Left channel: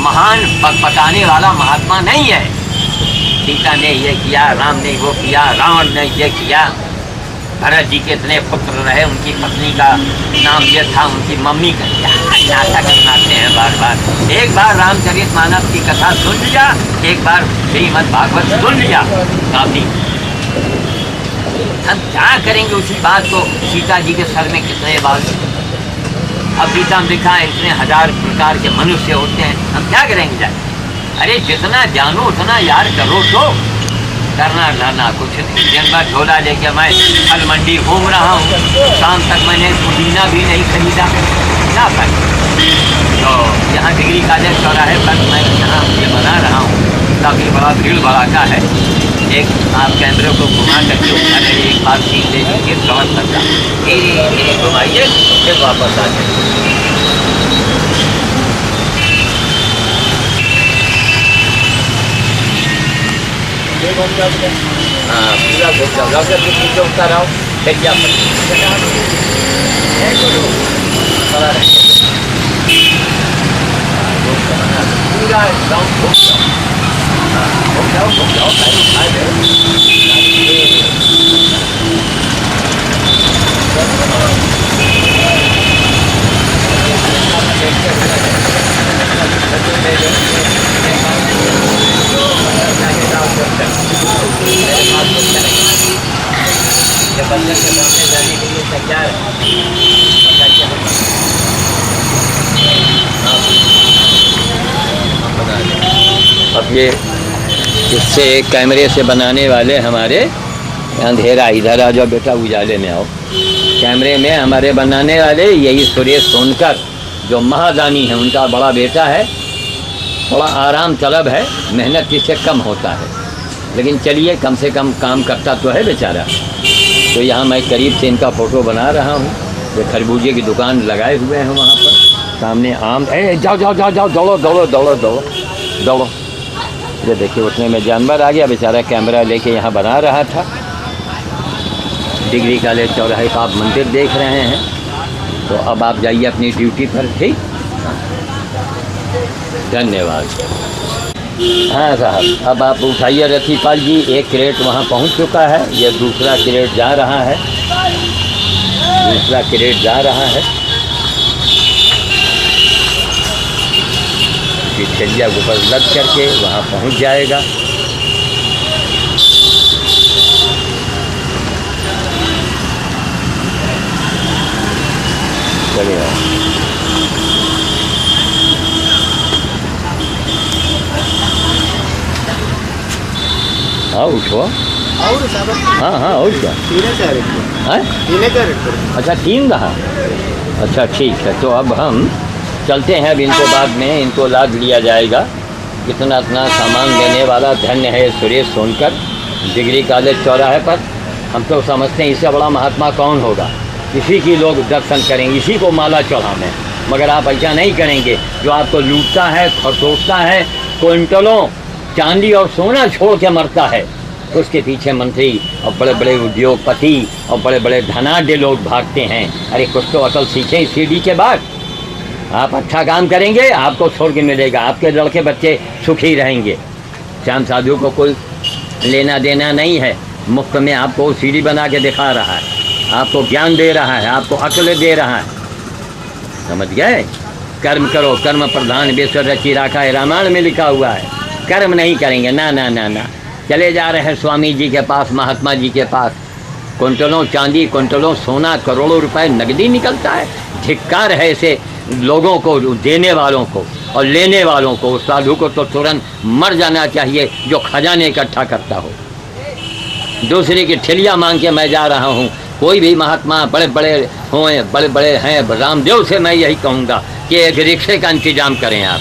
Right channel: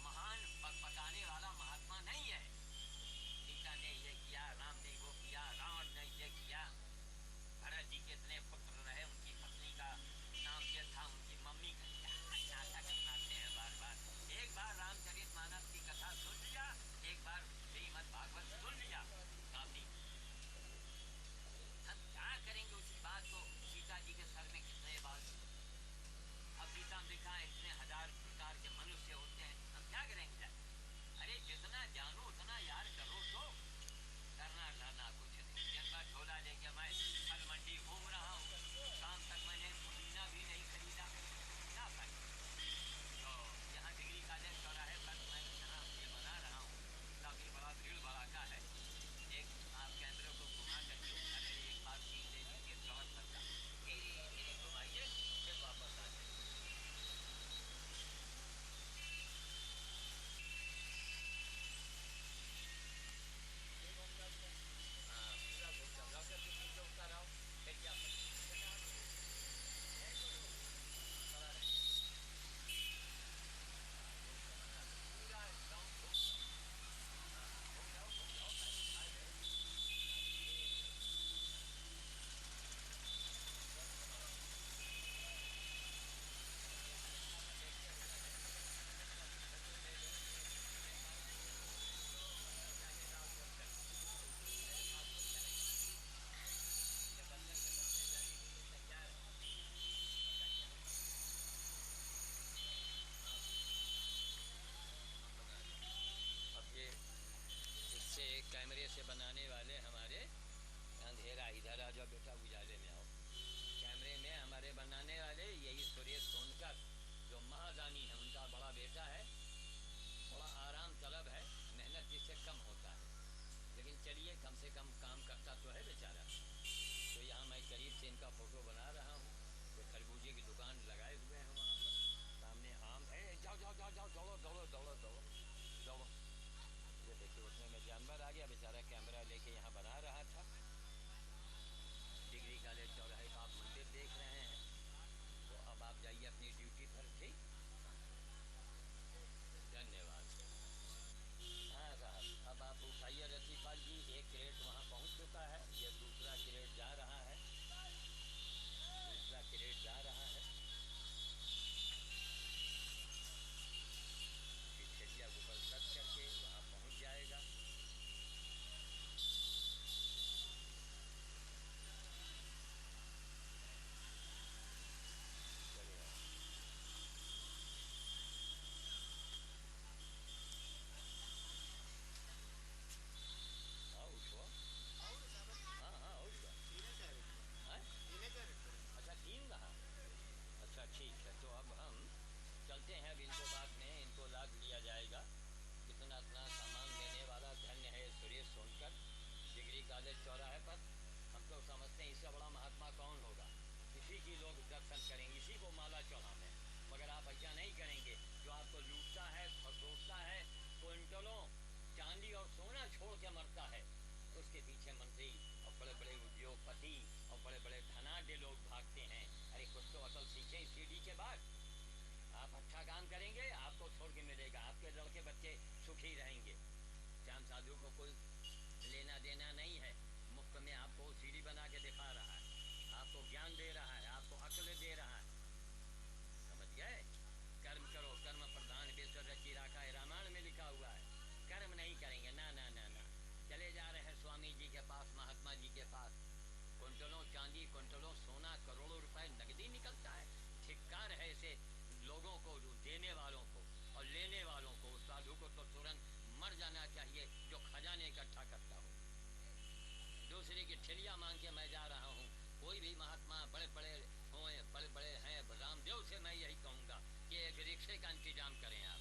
महान पकाने वाला महात्मा नहीं है। सीता ने ये किया, राम ने वो किया, रावण ने ये किया। भरत जी के इतने पुत्र रहे, उनकी पत्नी का नाम ये था, उनकी मम्मी का क्या नाटक सुनाते हैं बार बार। एक बार रामचरितमानस की कथा सुन लिया, एक बार श्रीमद् भागवत सुन लिया, काफी। हम क्या करेंगे उसी बात को। सीता जी के सर में कितने बाल, अब गीता में लिखा है इतने हजार प्रकार के मनुष्य होते हैं, हम क्या करेंगे जाए। अरे जितना जानो उतना यार करो, तो करना धरना कुछ नहीं। दिन भर झोला लेके मैं फल मंडी घूम रहा हूँ, शाम तक मैंने पुदीना भी नहीं खरीदा, क्या फायदा। तो यहाँ डिग्री कॉलेज चौराहे पर मैं यहाँ ये बना रहा हूँ, काफ़ी बड़ा भीड़ भड़ाका है। एक आप कैमरे को घुमा करके अगर एक बार सीख ले लीजिए कवर करता, धीरे धीरे घुमाइए, फिर वापस आ जाइए। हाँ पूरा घूम जाओ, लॉकर के पीछे उतर आओ, फिर क्या खड़ा रहे पूरा गाँव घूम जाओ। घूम जाओ घूम जाओ, पहले खाए बंदर के सामने जाने के लिए तैयार है। अब ये इससे कैमरे से बनाने वाले हमारे अंधेरा, इधर आ जाओ बेटा, उजाले में आओ। कैमरे में हमारे बनाने वाले यही सुरेश सोनकर, जो महादानी है, उनका बड़ा बेटा है। थोड़ा आराम तलब है, मेहनत इससे कम होता है, लेकिन चलिए कम से कम काम करता तो है बेचारा। तो यहाँ मैं करीब से इनका फ़ोटो बना रहा हूँ। ये खरबूजे की दुकान लगाए हुए हैं वहाँ पर, सामने आम। जाओ जाओ जाओ जाओ, दौड़ो दौड़ो दौड़ो दौड़ो दौड़ो। ये देखिए उतने में जानवर आ गया, बेचारा कैमरा लेके यहाँ बना रहा था। डिग्री कॉलेज चौराहे का आप मंदिर देख रहे हैं, तो अब आप जाइए अपनी ड्यूटी पर, ठीक। धन्यवाद। हाँ साहब, अब आप उठाइए रतीपाल जी, एक क्रेट वहाँ पहुँच चुका है, ये दूसरा क्रेट जा रहा है, दूसरा क्रेट जा रहा है। छलिया के ऊपर लग करके वहाँ पहुँच जाएगा। चलिए हाँ उठो। हाँ हाँ और क्या, अच्छा 3 रहा, अच्छा ठीक है। तो अब हम चलते हैं, अब इनको बाद में इनको लाद लिया जाएगा। इतना इतना सामान देने वाला धन्य है सुरेश सोनकर, डिग्री कॉलेज चौराहे पर। हम तो समझते हैं इससे बड़ा महात्मा कौन होगा, इसी की लोग दर्शन करेंगे, इसी को माला चढ़ाने। मगर आप ऐसा नहीं करेंगे, जो आपको लूटता है और तोड़ता है, क्विंटलों चांदी और सोना छोड़ के मरता है, उसके पीछे मंत्री और बड़े बड़े उद्योगपति और बड़े बड़े धनाढ्य लोग भागते हैं। अरे कुछ तो अकल सीखें इस सीढ़ी के बाद। आप अच्छा काम करेंगे, आपको स्वर्ग मिलेगा, आपके लड़के बच्चे सुखी रहेंगे। श्याम साधु को कोई लेना देना नहीं है, मुफ्त में आपको सीढ़ी बना के दिखा रहा है, आपको ज्ञान दे रहा है, आपको अक्ल दे रहा है, समझ गए। कर्म करो, कर्म प्रधान विश्व रची राखा है, रामायण में लिखा हुआ है। कर्म नहीं करेंगे, ना ना ना ना। चले जा रहे हैं स्वामी जी के पास, महात्मा जी के पास, क्विंटलों चांदी, क्विंटलों सोना, करोड़ों रुपए नकदी निकलता है। धिक्कार है ऐसे लोगों को, देने वालों को और लेने वालों को। उस साधु को तो तुरंत मर जाना चाहिए जो खजाने इकट्ठा करता हो। दूसरे की ठेलियाँ मांग के मैं जा रहा हूँ। कोई भी महात्मा बड़े बड़े हों, बड़े बड़े हैं, रामदेव से मैं यही कहूँगा कि एक रिक्शे का इंतजाम करें आप,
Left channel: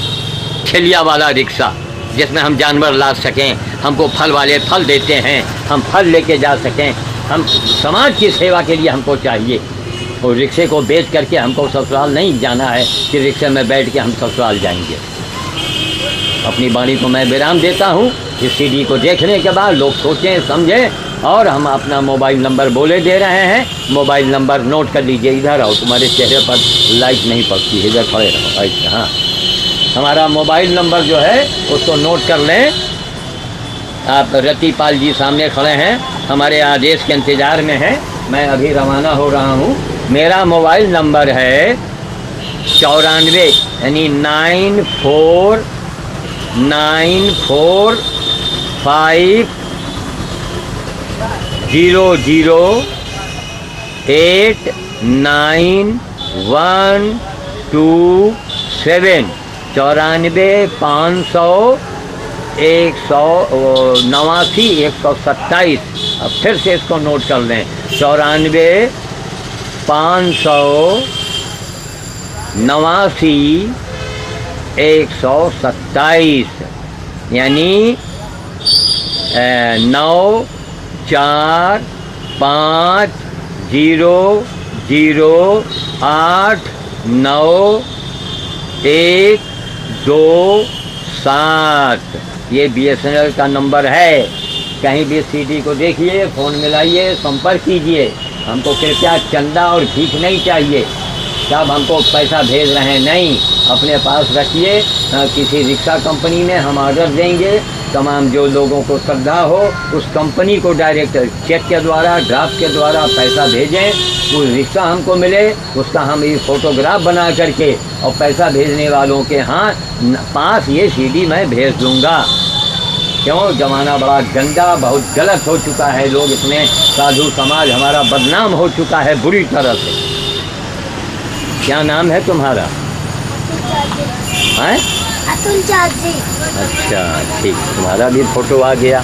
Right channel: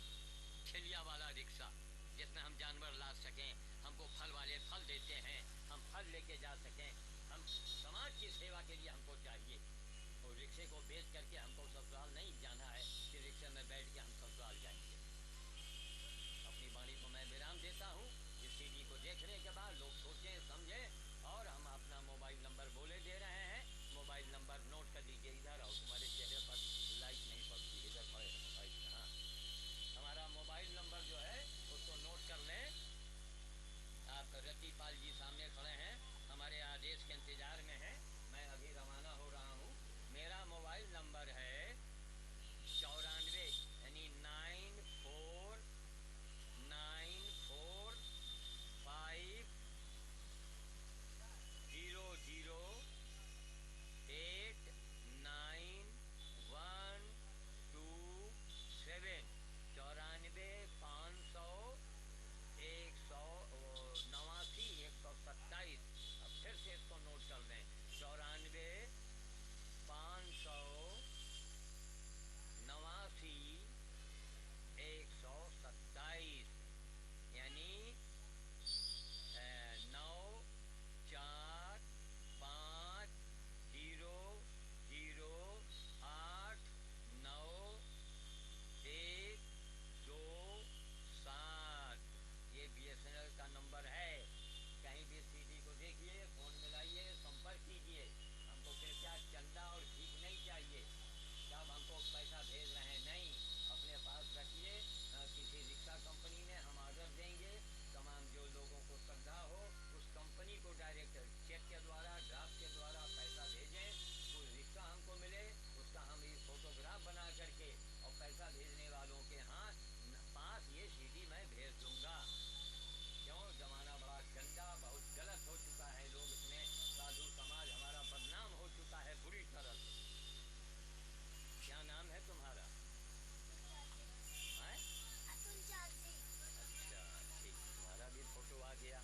ठेलिया वाला रिक्शा, जिसमें हम जानवर ला सकें। हमको फल वाले फल देते हैं, हम फल लेके जा सकें। हम समाज की सेवा के लिए हमको चाहिए। और रिक्शे को बेच करके हमको ससुराल नहीं जाना है कि रिक्शे में बैठ के हम ससुराल जाएंगे। अपनी वाणी को मैं विराम देता हूँ। इस सीडी को देखने के बाद लोग सोचें, समझें, और हम अपना मोबाइल नंबर बोले दे रहे हैं। मोबाइल नंबर नोट कर लीजिए। इधर आओ, तुम्हारे चेहरे पर लाइट नहीं पड़ती है, इधर खड़े रहो। अच्छा हाँ हमारा मोबाइल नंबर जो है उसको नोट कर लें। आप रतिपाल जी सामने खड़े हैं, हमारे आदेश के इंतज़ार में हैं। मैं अभी रवाना हो रहा हूँ। मेरा मोबाइल नंबर है 94 यानी 9454989127 94 500 189 127। अब फिर से इसको नोट कर लें 94 589 127 यानी 9450089127। ये BSNL का नंबर है। कहीं भी सीडी को देखिए, फ़ोन मिलाइए, संपर्क कीजिए। हमको कृपया चंदा और भीख नहीं चाहिए। सब हमको पैसा भेज रहे हैं, नहीं, अपने पास रखिए। किसी रिक्शा कंपनी में हम ऑर्डर देंगे। तमाम जो लोगों को श्रद्धा हो उस कंपनी को डायरेक्ट चेक के द्वारा, ड्राफ्ट के द्वारा पैसा भेजें। वो रिक्शा हमको मिले, उसका हम ये फ़ोटोग्राफ बना करके और पैसा भेजने वालों के पास ये सीडी मैं भेज दूँगा। क्यों? ज़माना बड़ा गंदा, बहुत गलत हो चुका है। लोग इसमें, साधु समाज हमारा बदनाम हो चुका है बुरी तरह से। क्या नाम है तुम्हारा? हैं? अतुल चाची। अच्छा, ठीक, तुम्हारा भी फ़ोटो आ गया।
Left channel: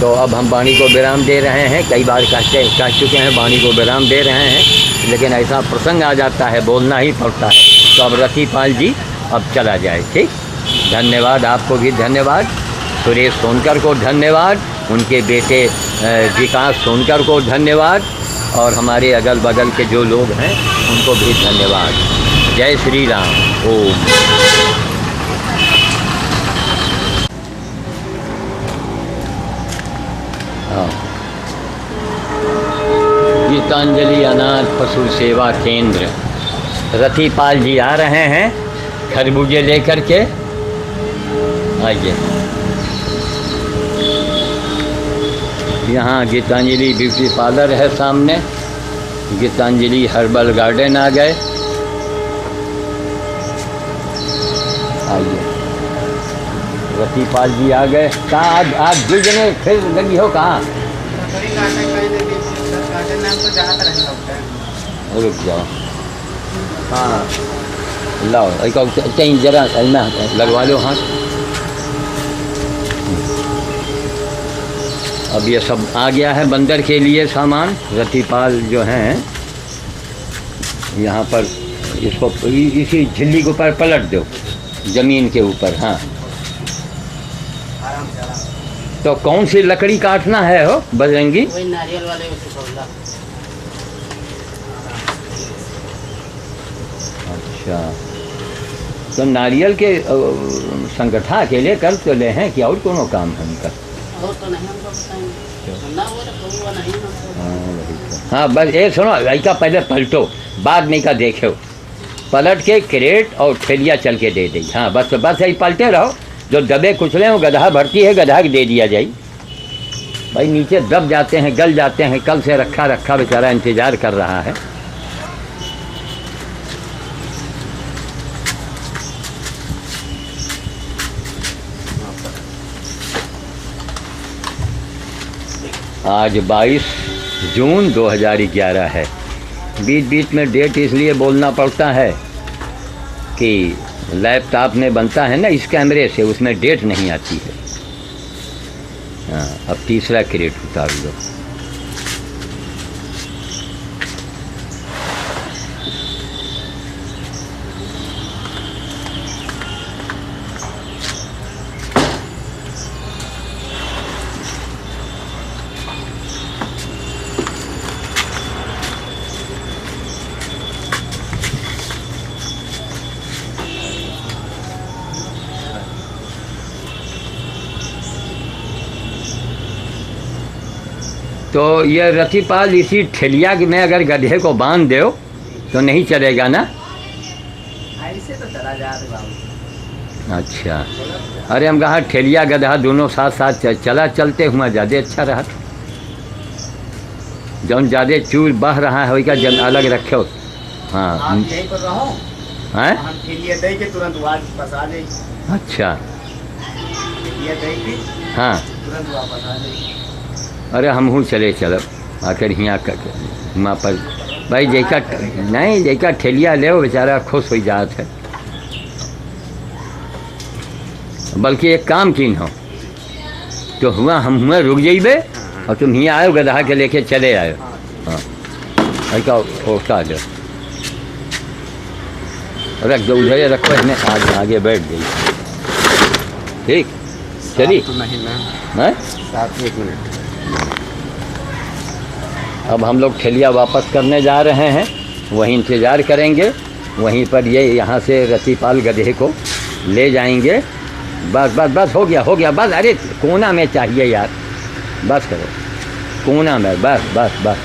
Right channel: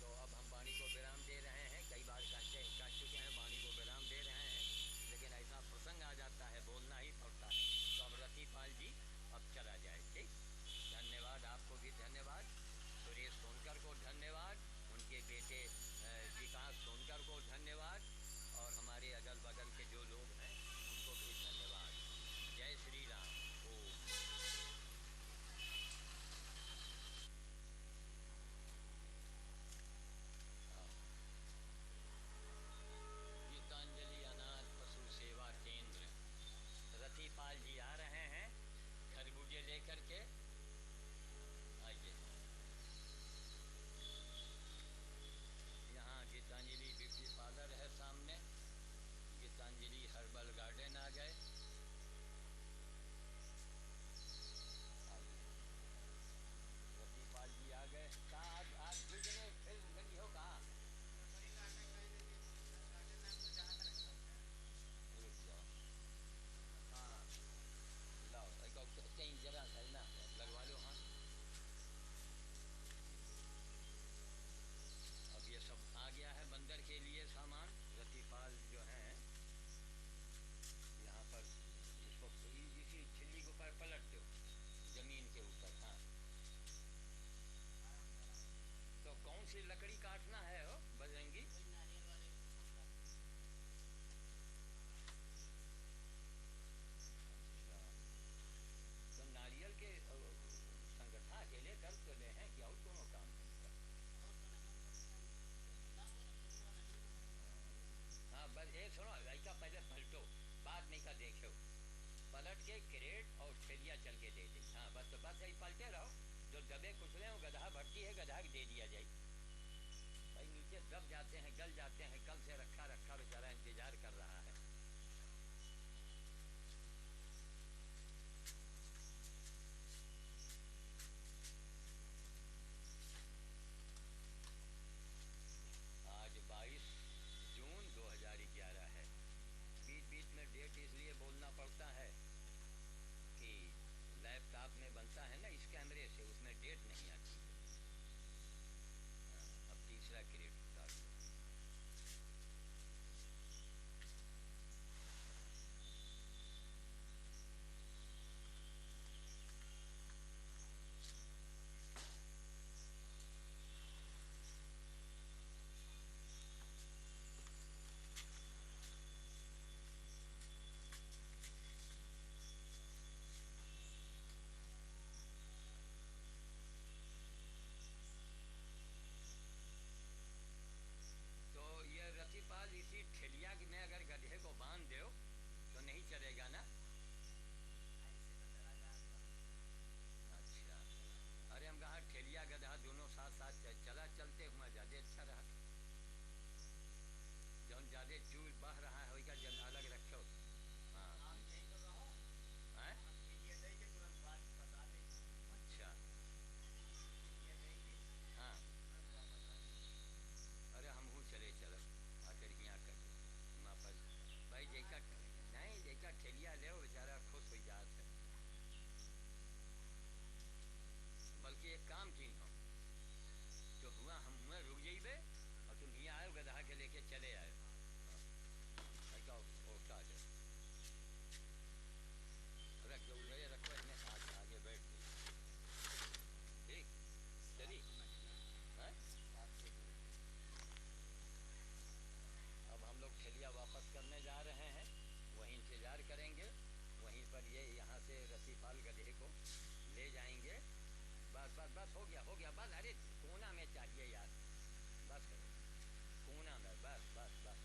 तो अब हम वाणी को विराम दे रहे हैं। कई बार कह चुके हैं वाणी को विराम दे रहे हैं, लेकिन ऐसा प्रसंग आ जाता है, बोलना ही पड़ता है। तो अब रतिपाल जी अब चला जाए। ठीक, धन्यवाद, आपको भी धन्यवाद। सुरेश सोनकर को धन्यवाद, उनके बेटे विकास सोनकर को धन्यवाद, और हमारे अगल बगल के जो लोग हैं उनको भी धन्यवाद। जय श्री राम। ओम। गीतांजलि अनाथ पशु सेवा केंद्र, रतिपाल जी आ रहे हैं खरबूजे लेकर के। आइए, यहाँ गीतांजलि ब्यूटी पार्लर है सामने। गीतांजलि हर्बल गार्डन आ गए। आइए, रतिपाल जी आ गए। कहाँ आज दुई जने फिर लगी हो? कहाँ? रुक जाओ। हाँ, लाओ कहीं जरा लगवा लो हाथ। अब ये सब आ गया है बंदर के लिए सामान। रतिपाल जो हैं यहाँ पर इसको इसी झिल्ली के ऊपर पलट दो, ज़मीन के ऊपर। हाँ, तो कौन सी लकड़ी काटना है हो बजरंगी? वही नारियल वाले अच्छा, तो नारियल के संगठा अकेले कर तो ले हैं कि और कोनो काम है उनका? और तो नहीं हमको बताएंगे ना, वो तो नहीं हमको। हाँ, बस ये सुनो, लड़का पहले पलटो, बाद में का देखो। पलट के क्रेट और थैलिया चल के दे दी। हाँ, बस यही पलटे रहो। जो दबे कुचले वो गधा भरती है, गधा दे दिया जाए। भाई नीचे दब जाते हैं, गल जाते हैं। कल से रखा रखा बेचारा इंतज़ार कर रहा है। आज 22 जून 2011 है। बीच बीच में डेट इसलिए बोलना पड़ता है कि लैपटॉप में बनता है ना इस कैमरे से, उसमें डेट नहीं आती है। हाँ, अब तीसरा क्रेट उतार लो। तो ये रतिपाल इसी ठेलिया में अगर गधे को बांध दो तो नहीं चलेगा ना? ऐसे तो चला जा रहे बाबू। अच्छा, अरे हम कहा ठेलिया गधा दोनों साथ साथ चला, चलते हुआ ज़्यादा अच्छा रहा। जौन ज़्यादा चूर बह रहा है वही का जन अलग रखे। हाँ आप यहीं पर रहो, हैं? हम ठेलिया दे के तुरंत वापस फंसा दे। अच्छा ठेलिया दे के हाँ, तुरंत वापस आ जाए। अरे हम हूँ चले चलब आकर यहाँ वहाँ पर भाई जैका नहीं जैका ठेलिया ले वो बेचारा खुश हो जात है। बल्कि एक काम किन हो तो हुआ हम हुआ रुक जाइबे और तुम यहाँ आयो गधा के लेके चले आयो। हाँ ऐसा ओका दो रख दो उधर रखो, इन्हें आगे बैठ गई। ठीक चली तो नहीं ना, हैं? 1 मिनट। अब हम लोग ठेलिया वापस करने जा रहे हैं, वहीं इंतज़ार करेंगे, वहीं पर ये यहाँ से रतिपाल गधे को ले जाएंगे। बस बस बस हो गया बस। अरे कोना में चाहिए यार, बस करो कोना में, बस बस बस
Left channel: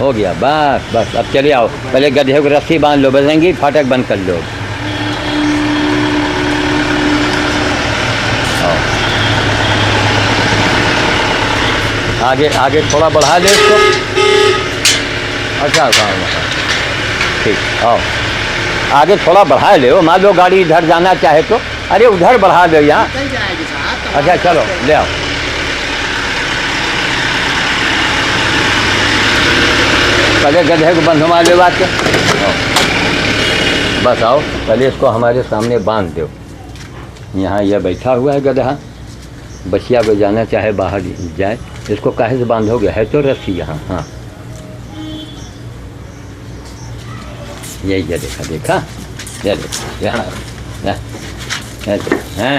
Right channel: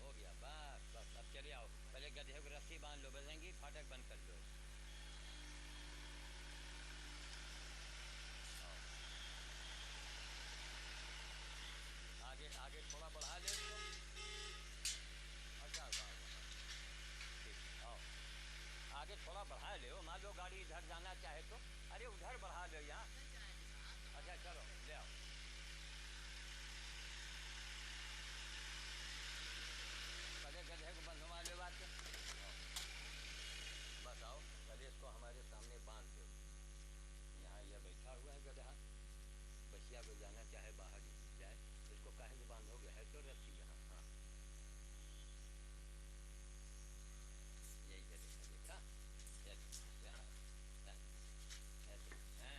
हो गया बस बस। अब चले आओ, पहले गधे को रस्सी बांध लो, बजेंगी फाटक बंद कर लो। आओ। आगे आगे थोड़ा बढ़ा दे इसको। अच्छा ठीक, आओ आगे थोड़ा बढ़ा ले। मान लो गाड़ी इधर जाना चाहे तो, अरे उधर बढ़ा दो यहाँ। निकल जाएगी साहब। अच्छा चलो ले आओ। पहले गधे को बंधवा ले बात के। बस आओ, पहले इसको हमारे सामने बांध दो। यहाँ यह बैठा हुआ है गधा, बचिया को जाना चाहे बाहर जाए, इसको काहे से बांधोगे? है तो रस्सी यहाँ। हाँ यही ये देखा ये देखा यहाँ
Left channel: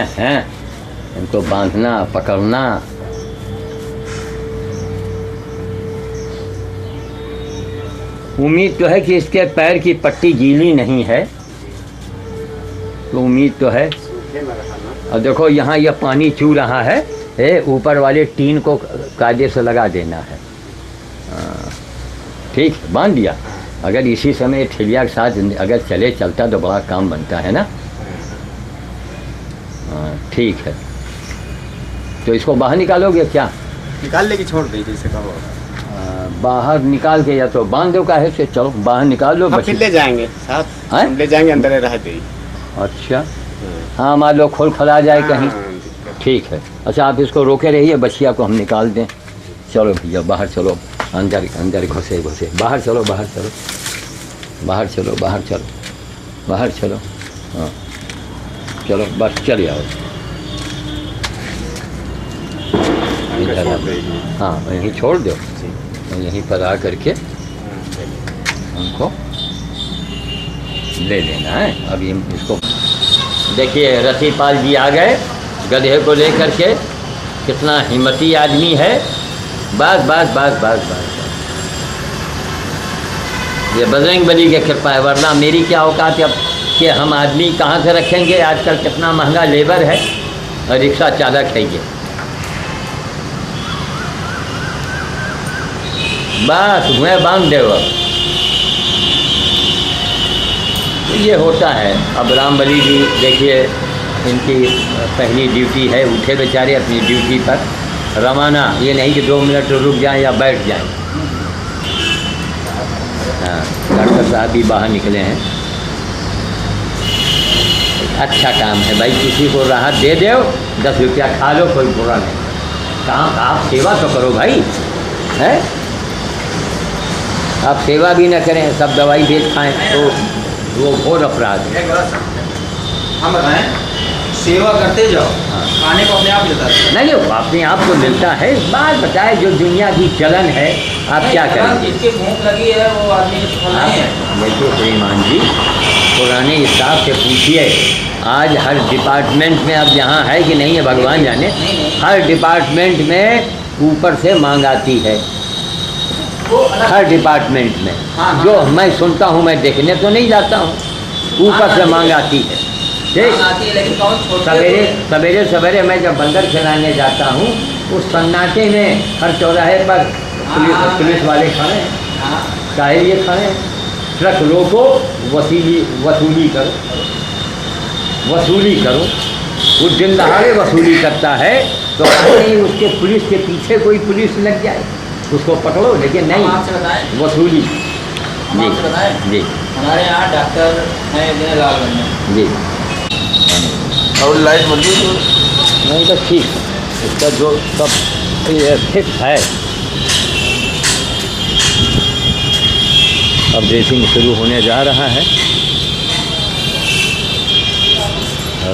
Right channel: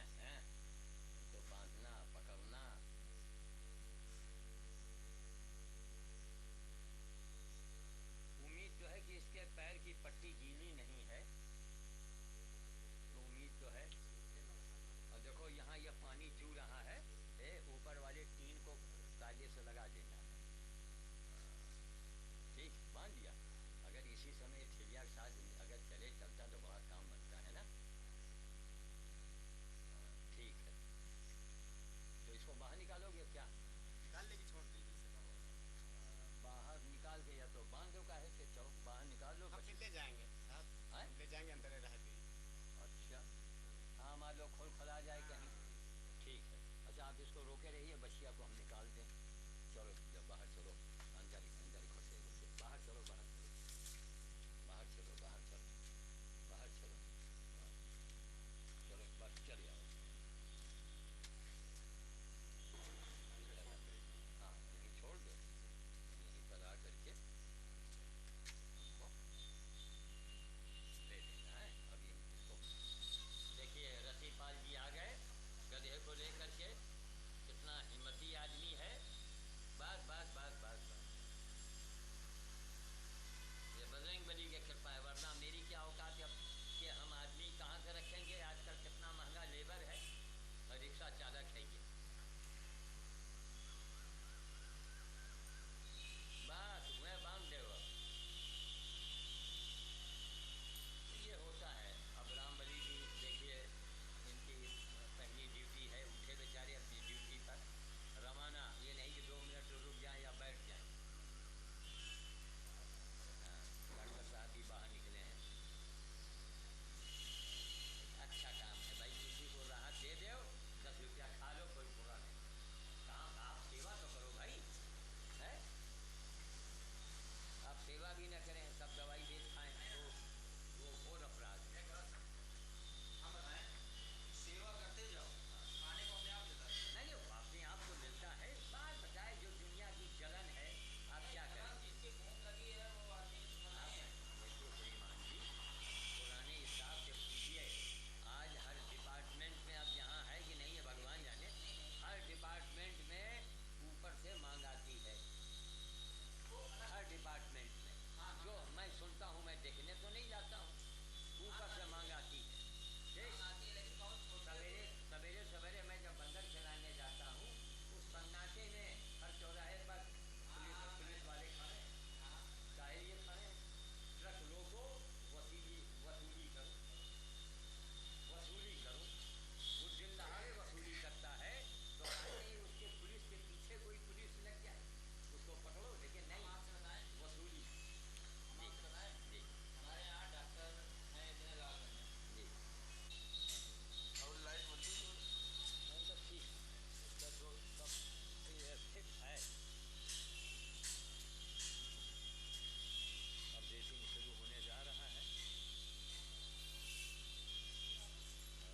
हैं इनको बांधना पकड़ना। उम्मीद तो है कि इसके पैर की पट्टी गीली नहीं है, तो उम्मीद तो है। और देखो यहाँ यह पानी चू रहा है, ऊपर वाले टीन को कायदे से लगा देना है। ठीक बांध दिया। अगर इसी समय ठेलिया के साथ अगर चलता तो बड़ा काम बनता है ना। ठीक है, तो इसको बाहर निकालोगे क्या? निकाल लेके छोड़ दे जैसे कहो। बाहर निकाल के या तो बांध दो काहे से। चलो बाहर निकाल लो। फिर ले जाएंगे साहब, हम ले जाएंगे, अंदर रह दे। अच्छा हाँ, मान लो खोल खला जाए कहीं। ठीक है, अच्छा आप इसको रोके रहिए, बछिया को हम निकाल दें। चलो भैया बाहर चलो, अंदर अंदर घुसे बाहर चलो, बाहर चलो, बाहर चलो, बाहर चलो, बाहर चलो। हाँ चलो बस चले आओ। हाँ यहीं छोड़ दो, यहीं पर आ करके हमको ले लेना है। अभी हम इसको देखिए, रतिपाल जी आ गए गधे को लेकर के। कितना हिम्मती आदमी है। बस बस बस बस बस, ये बजरंगबली की कृपा है, वरना मेरी क्या औकात अब कि हम आदमी कहाँ से रखेंगे। आजकल कितना महंगा लेबर है और रिक्शा चालक है ये। बस मैं बांध दे। अब ये होता है। अब रामबली जी देखिए, इनकी पहली ड्यूटी है, उठे बेचारे अपनी ड्यूटी पर रवाना। ये नहीं कि 2 मिनट रुक जाएं या बैठ जाएं। हाँ डॉक्टर साहब भी बाहर निकले हैं। अच्छा काम है भाई, किसी को राहत दे दो, 10 रुपया खा लो, कोई बुरा नहीं। काम आप सेवा तो करो भाई, है आप सेवा भी न करें, सब दवाई बेच खाएं तो वो घोर अपराध है। हम बताएं, सेवा करते जाओ, खाने को अपने आप मिलता है। नहीं वो अपने आप को मिलता है। बात बताए जो दुनिया की चलन है, आप क्या करेंगे? जिसकी भूख लगी है वो आदमी देखिए श्रीमान जी, पुराने स्टाफ से पूछिए, आज हर डिपार्टमेंट में अब यहाँ है कि नहीं है भगवान जाने, हर डिपार्टमेंट में ऊपर से मांग आती है। हर डिपार्टमेंट में जो मैं सुनता हूँ, मैं देखने तो नहीं जाता हूँ, ऊपर से मांग आती है। ठीक, सवेरे मैं जब बंदर खिलाने जाता हूँ, उस सन्नाटे में हर चौराहे पर पुलिस वाले खड़े हैं। चाहे ये खड़े हैं, ट्रक रोको, वसूली करो, वो दिन दहाड़े वसूली करता है, तो कहीं उसके पुलिस के पीछे कोई पुलिस लग जाए उसको पकड़ो, लेकिन नहीं, आपसे बताएं, वसूली। हम आपसे बताएं, जी हमारे यहाँ डॉक्टर हैं इतने लालगंज में। जी। और लाइट बंद है नहीं तो ठीक, इसका जो सब ये फिक्स है। अब ड्रेसिंग शुरू होने जा रहा है।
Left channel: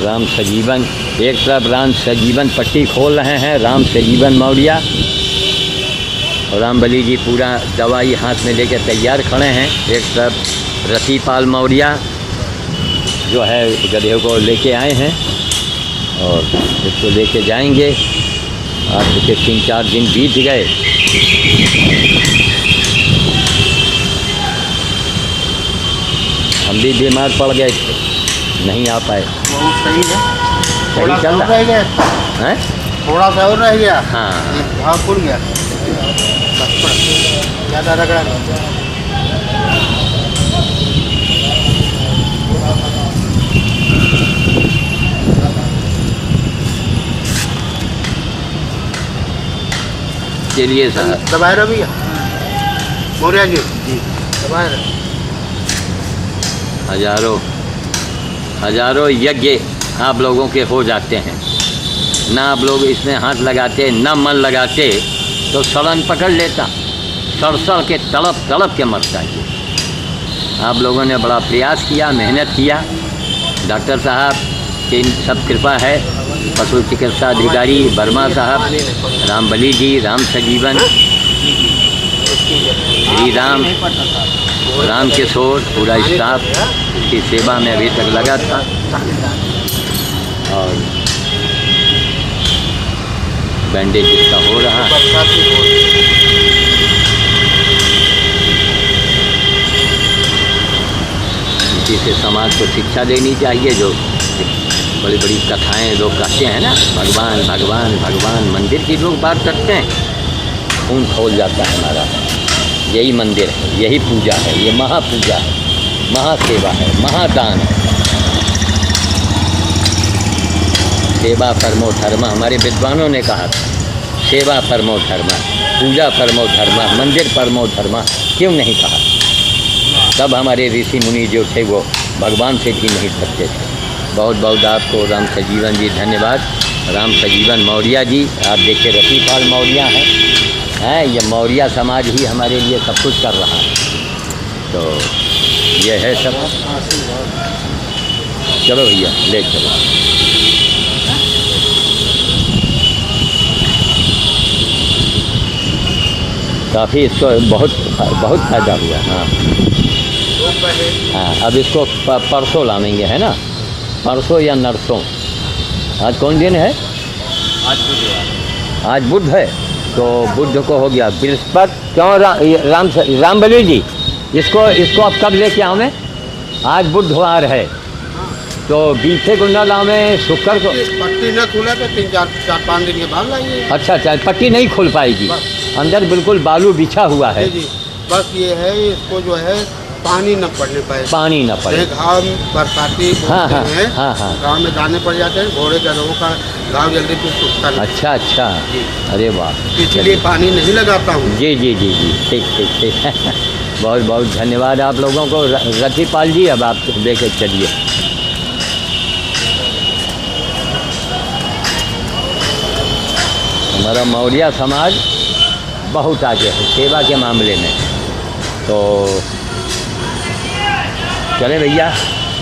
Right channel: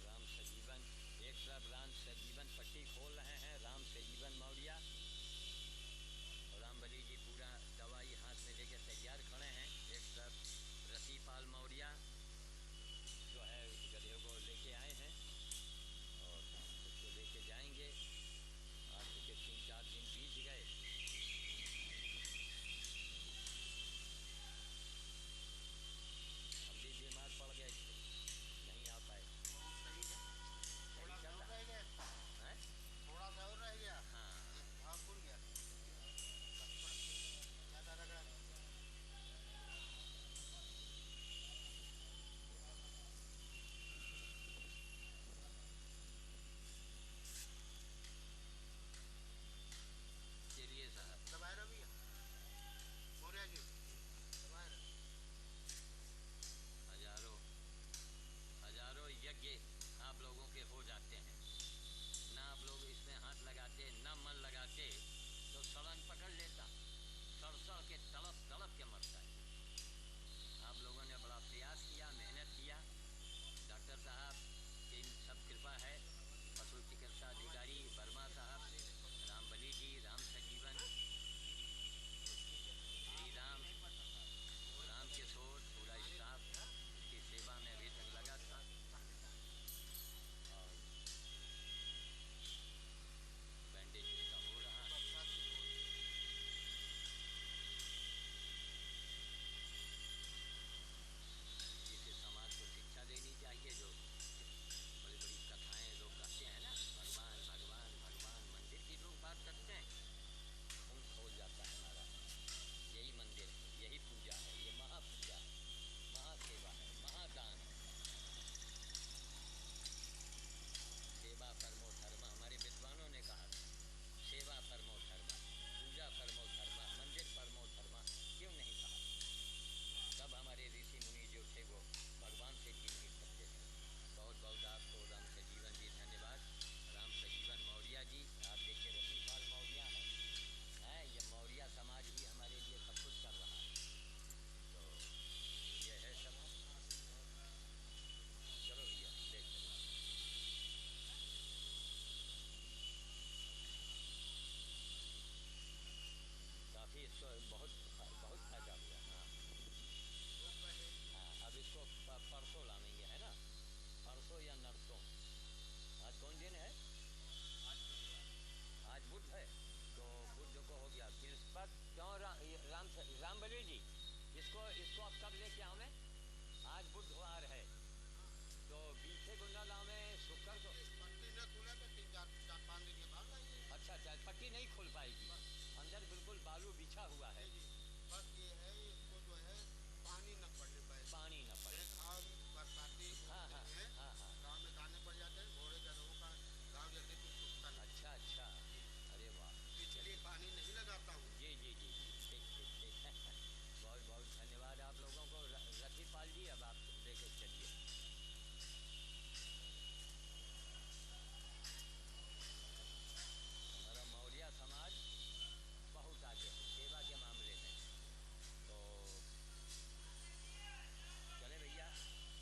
राम सजीवन, एक तरफ राम सजीवन पट्टी खोल रहे हैं राम सजीवन मौर्य, और रामबली जी पूरा दवाई हाथ में लेकर तैयार खड़े हैं। एक तरफ रतिपाल मौर्य जो है गधे को लेके आए हैं और इसको लेके जाएंगे। आज के 3-4 दिन बीत गए। हम भी बीमार पड़ गए थे, नहीं आ पाए। बहुत सही है, सही चल रहा रह गया है। थोड़ा सा और रह गया। हाँ घाव खुल गया, ज़्यादा रगड़ा नहीं। चलिए साहब, दबाए रहो भैया, मौर्य जी दबाए रहो। हजारों यज्ञ आप लोगों के हो जाते हैं, ना आप लोग इसमें हाथ लगाते, ना मन लगाते तो सड़न पकड़ लेता, सड़ के तड़प के मरता है। आप लोगों ने बड़ा प्रयास किया, मेहनत किया। डॉक्टर साहब की सब कृपा है, पशु चिकित्सा अधिकारी वर्मा साहब, रामबली जी, राम सजीवन, श्री राम, राम किशोर, पूरा स्टाफ की सेवा में अभी तक लगा था। और बैंडेज इसका हो रहा है। इसी से समाज को शिक्षा देनी चाहिए। जो बड़ी बड़ी कथाएं लोग कहते हैं ना, भगवान भगवान भगवान, मंदिर की लोग बात करते हैं, खून खोल जाता है हमारा। यही मंदिर है, यही पूजा है, ये महापूजा है, महासेवा है, महादान है। सेवा परमो धर्म, हमारे विद्वानों ने कहा था, सेवा परमो धर्म, पूजा परमो धर्म, मंदिर परमो धर्म, क्यों नहीं कहा? तब हमारे ऋषि मुनि जो थे वो भगवान से भी नहीं सकते थे। बहुत बहुत आपको राम सजीवन जी धन्यवाद। राम सजीवन मौर्य जी, आप देखिए रतिपाल मौर्य हैं, ये मौर्य समाज ही हमारे लिए सब कुछ कर रहा है। तो ये है सब। चलो भैया ले चलो। काफ़ी इसको बहुत फ़ायदा हुआ। हाँ हाँ, अब इसको परसों लाएंगे, है ना? परसों या नरसों। आज कौन दिन है? आज बुधवार, आज बुध है, तो बुध को हो गया बृहस्पति। क्यों रामबली जी, इसको अब कब लेके आऊँ मैं? आज बुधवार है, तो बीते गुंडा लावे शुक्र को। पट्टी न खुला तो 3-4-5 दिन के बाद लाइए। अच्छा, पट्टी नहीं खुल पाएगी, अंदर बिल्कुल बालू बिछा हुआ है। जी, बस ये है, इसको जो है पानी न पड़ने पाए, पानी न पड़े। घाव बरसाती हाँ, हाँ, हैं, हाँ, हाँ। गाँव में दाने पड़ जाते हैं, घोड़े गधों का घाव जल्दी फिर सूखता नहीं। अच्छा अच्छा, अरे वाह, इसलिए पानी नहीं लगाता हूँ। जी जी जी जी, ठीक ठीक ठीक। बहुत बहुत धन्यवाद आप लोगों को। रतिपाल जी, अब आप लेके चलिए। हमारा मौर्य समाज बहुत आगे है सेवा के मामले में, तो चले भैया।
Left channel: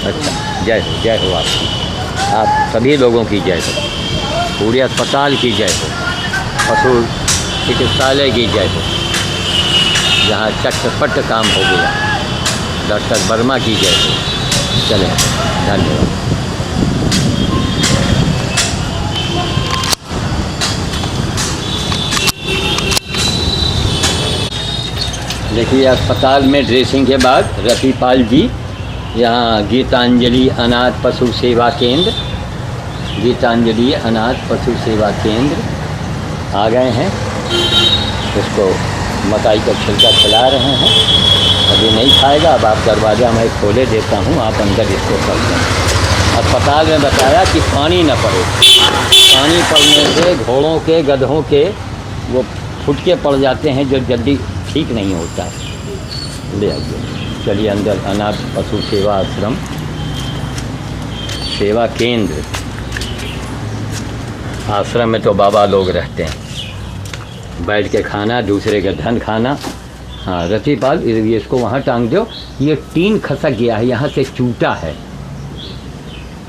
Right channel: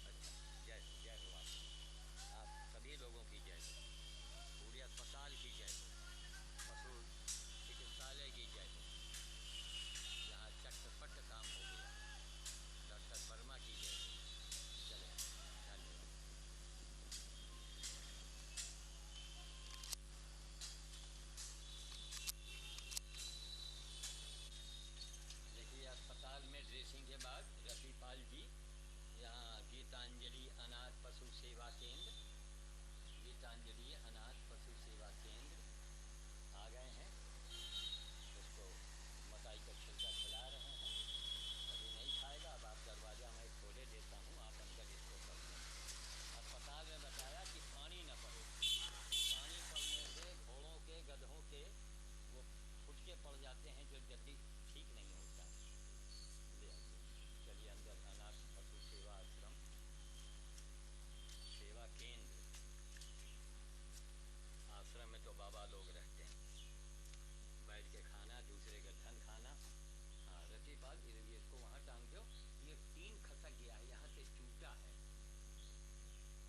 अच्छा, जय हो आपकी, आप सभी लोगों की जय हो, पूरे अस्पताल की जय हो, पशु चिकित्सालय की जय हो, जहाँ चटपट काम हो गया, डॉक्टर वर्मा की जय हो। चले, धन्यवाद। देखिए, अस्पताल में ड्रेसिंग के बाद रतिपाल जी यहाँ गीतांजलि अनाथ पशु सेवा केंद्र, गीतांजलि अनाथ पशु सेवा केंद्र आ गए हैं। उसको मकाई का छिलका खिला रहे हैं, अभी नहीं खाएगा। अब आप दरवाज़ा मैं खोले देता हूँ, आप अंदर इसको कर दें। अब अस्पताल में बताया कि पानी न पड़े, पानी पड़ने से घोड़ों के गधों के वो फुटके पड़ जाते हैं जो जल्दी ठीक नहीं होता है। ले आइए, चलिए अंदर अनाथ पशु सेवा आश्रम सेवा केंद्र। आश्रम में तो बाबा लोग रहते हैं, बैठ के खाना, दूसरे का धन खाना। हाँ रतिपाल, ये इसको वहाँ टांग दो। ये टीन खसक गया है, यहाँ से चूटा है।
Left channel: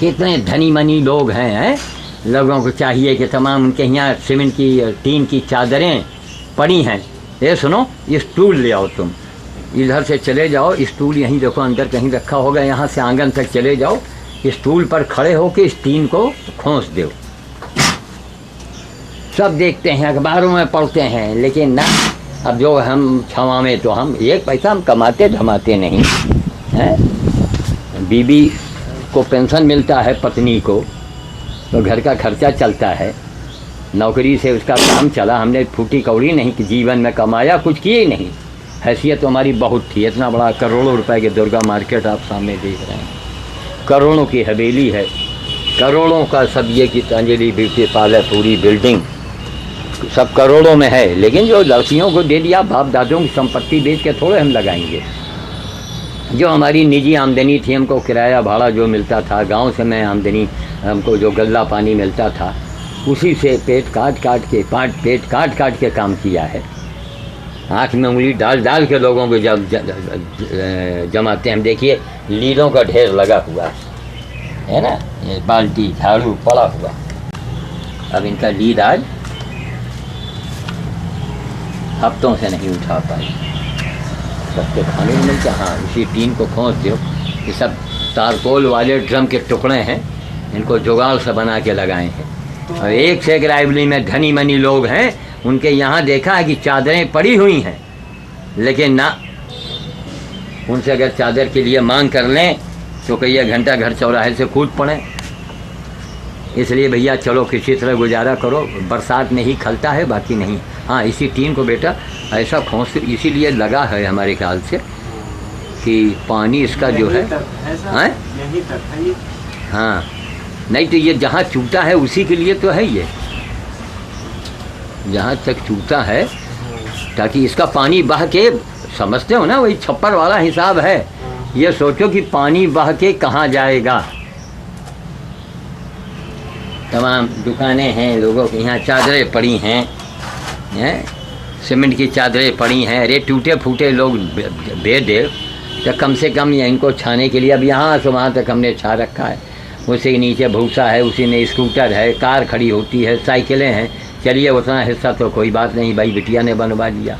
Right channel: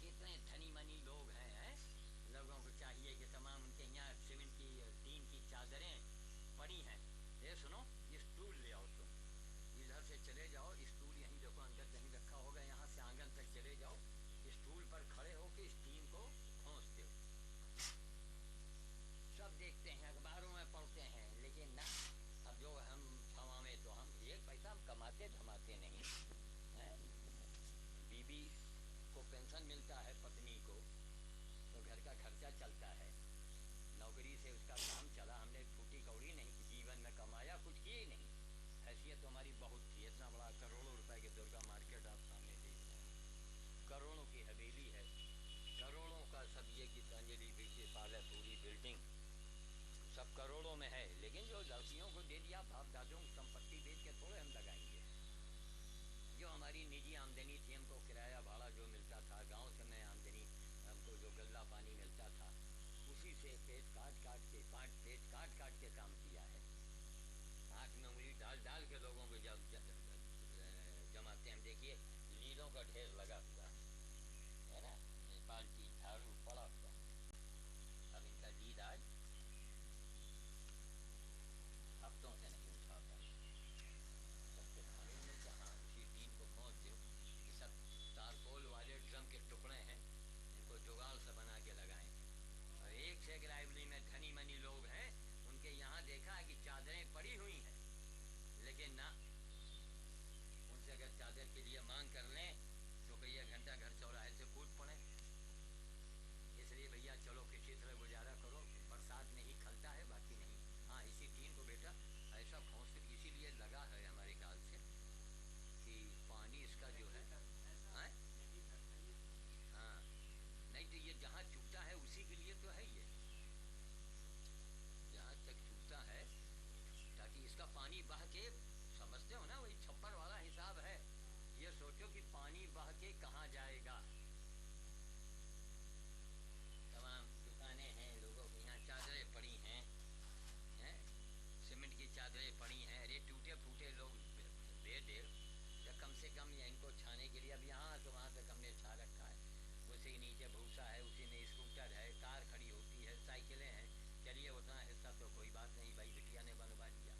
कितने धनी मनी लोग हैं, लोगों को चाहिए कि तमाम उनके यहाँ सीमेंट की टीन की चादरें पड़ी हैं। ये सुनो, ये स्टूल ले आओ, तुम इधर से चले जाओ, स्टूल यहीं देखो अंदर कहीं रखा होगा, यहाँ से आंगन तक चले जाओ, स्टूल पर खड़े होकर इस टीन को खोस दो। सब देखते हैं, अखबारों में पढ़ते हैं, लेकिन ना, अब जो हम छावा में तो हम एक पैसा हम कमाते धमाते नहीं हैं। बीबी को पेंशन मिलता है, पत्नी को तो घर का खर्चा चलता है, नौकरी से उसका काम चला। हमने फूटी कौड़ी नहीं कि जीवन में कमाया, कुछ किए नहीं। हैसियत तो हमारी बहुत थी, इतना बड़ा करोड़ों रुपए के दुर्गा मार्केट आप सामने देख रहे हैं, करोड़ों की हवेली है, करोड़ों का सब ये गीतांजलि ब्यूटी पार्लर, पूरी बिल्डिंग सब करोड़ों में है। लेकिन जो लड़कियों को दे दिया, बाप दादों की संपत्ति बेच के थोड़े हम लगाएंगे। जो हमारी निजी आमदनी थी, हमको किराया भाड़ा जो मिलता था, गांव से मैं आमदनी, हमको जो गल्ला पानी मिलता था, उसी से पेट काट काट के काम किया है। आँख में उंगली डाल के लोगों को जब जमाते हैं। हम देखिए लीलों का ढेर लगा हुआ है ना, ये बाल्टी झाड़ू पड़ा हुआ। अब इनका लीद आज हफ्तों से नहीं उठा पाए, सबके खाने को मिलता। हाँ, इसी टीन को खोस दो। ये सब तारकोल वाले ड्रम के टुकड़े हैं, इनको जुगाड़ से बना के लगाए हैं। और एक से एक रायबली में धनी मनी लोग हैं, उनके यहाँ देखा है कि चादरें पड़ी हुई हैं, लेकिन ना, उनसे अगर चादर के लिए मांग कर लें तो कई घंटा घर चौराहे से कूद पड़े। इसलिए भैया चलो किसी तरह गुजारा करो, बरसात में ही खलता है, बाकी नहीं। हाँ, इसी टीन को बेटा ऐसा खोस इसीलिए लगा है हमारे ख्याल से कि पानी इसका जो है, हाँ, नहीं तो ये जहाँ चूटा है उसी के लिए तो है, ये जहाँ तक चूटा है ताकि इसका पानी बह के, समझते हो ना, वही छप्पर वाला हिसाब है। ये सोचो कि पानी बह के कहाँ जाएगा। तमाम दुकानें हैं, लोगों के यहाँ चादरें पड़ी हैं, सीमेंट की चादरें पड़ी हैं। अरे टूटे फूटे लोग भेज दे तो कम से कम इनको छाने के लिए, अब यहाँ से वहाँ तक हमने छा रखा है। उसी के नीचे भूसा है, उसी में स्कूटर है, कार खड़ी होती है, साइकिलें हैं। चलिए उतना हिस्सा तो कोई बात नहीं, भाई बिटिया ने बनवा दिया।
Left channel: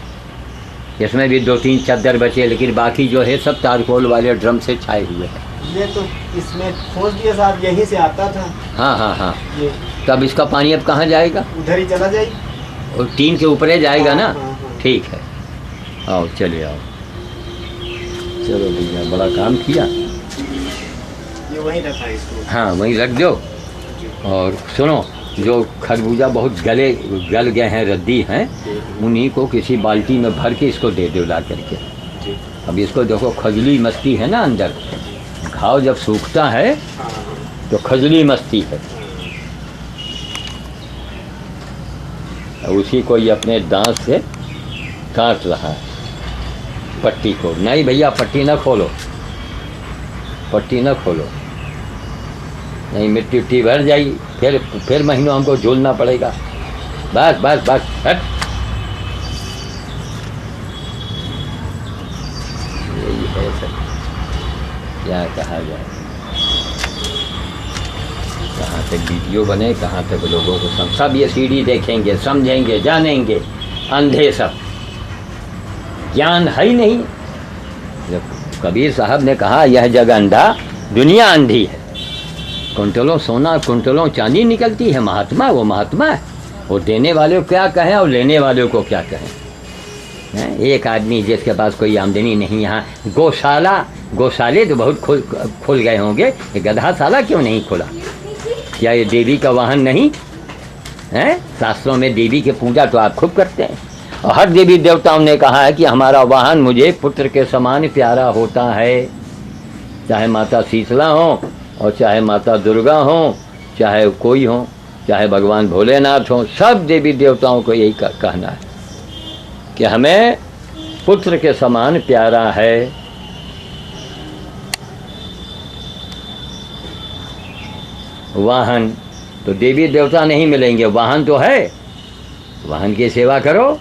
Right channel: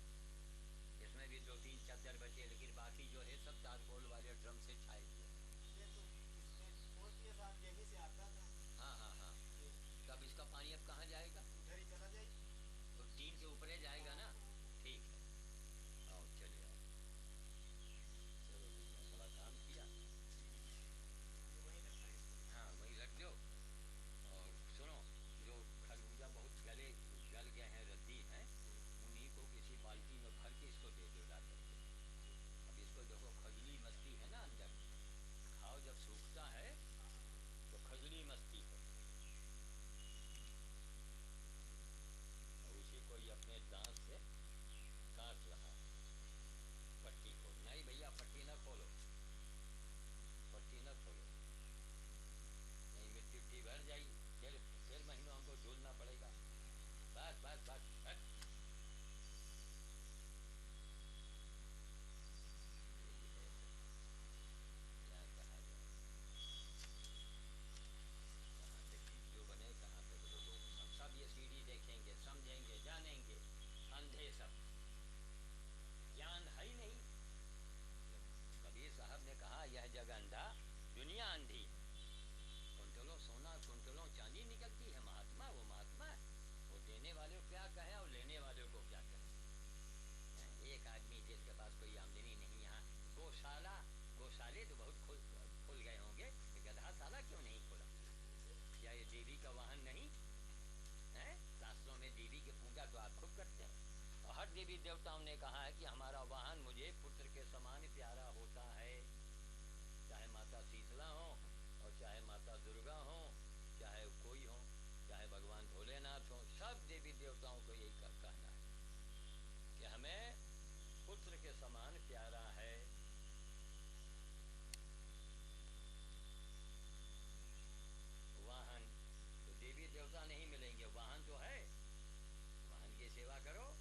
इसमें भी 2-3 चादर बचे, लेकिन बाकी जो है सब तारकोल वाले ड्रम से छाए हुए हैं। ये तो इसमें खोज दिया साहब, यहीं से आता था। हाँ, तब इसका पानी अब कहाँ जाएगा? उधर ही चला जाए, और टीन के ऊपर ही जाएगा ना। हाँ। ठीक है, आओ चलिए आओ, चलो भैया बड़ा काम किया। ये वहीं रखा है इसको। हाँ, वहीं रख दो। और सुनो, जो खरबूजा बहुत गल गए हैं, रद्दी हैं, उन्हीं को किसी बाल्टी में भर के इसको दे दो ला करके। अब इसको देखो, खजली मस्ती है ना अंदर, घाव जब सूखता है तो खजली मस्ती है। उसी को ये अपने दांत से काट रहा है पट्टी को। नहीं भैया, पट्टी ना खोलो, पट्टी ना खोलो, नहीं मिट्टी उट्टी भर जाएगी, फिर महीनों हमको झूलना पड़ेगा। बस बस बस, हट। यही है सर, क्या कहा जाए, कहाँ तक वीडियो बने, कहाँ तक लोगों को सब ये सीढ़ी देखेंगे, समझेंगे, जानेंगे। अंधे सब, ज्ञान है ही नहीं। जब कबीर साहब ने कहा यह जग अंधा, दुनिया अंधी है। कुंटलों सोना, कुंटलों चांदी निकलती है, महात्मा वो महात्मा है। वो देने वाले को क्या कहें और लेने वाले को क्या कहें। एक आदमी जिसके पास कोई आमदनी नहीं, यहाँ गौशाले तो बहुत खुल गए होंगे, ये गधाशाला क्यों नहीं खुला? क्या ये देवी का वाहन नहीं है? शास्त्रों में देवी की पूजा तो आप खूब करते हैं, और हर देवी देवताओं ने कहा है कि हमारा वाहन मुझे पुत्र के समान प्यारा होता है। चाहे माता शीतला हो और चाहे माता दुर्गा हो, चाहे कोई हो, चाहे भगवान भोलेनाथ हो, सब देवी देवताओं को यही कहना है कि हमें पुत्र के समान प्यारा है। वाहन तो देवी देवता नहीं मिलेंगे, वाहन तो है, वाहन की सेवा करो।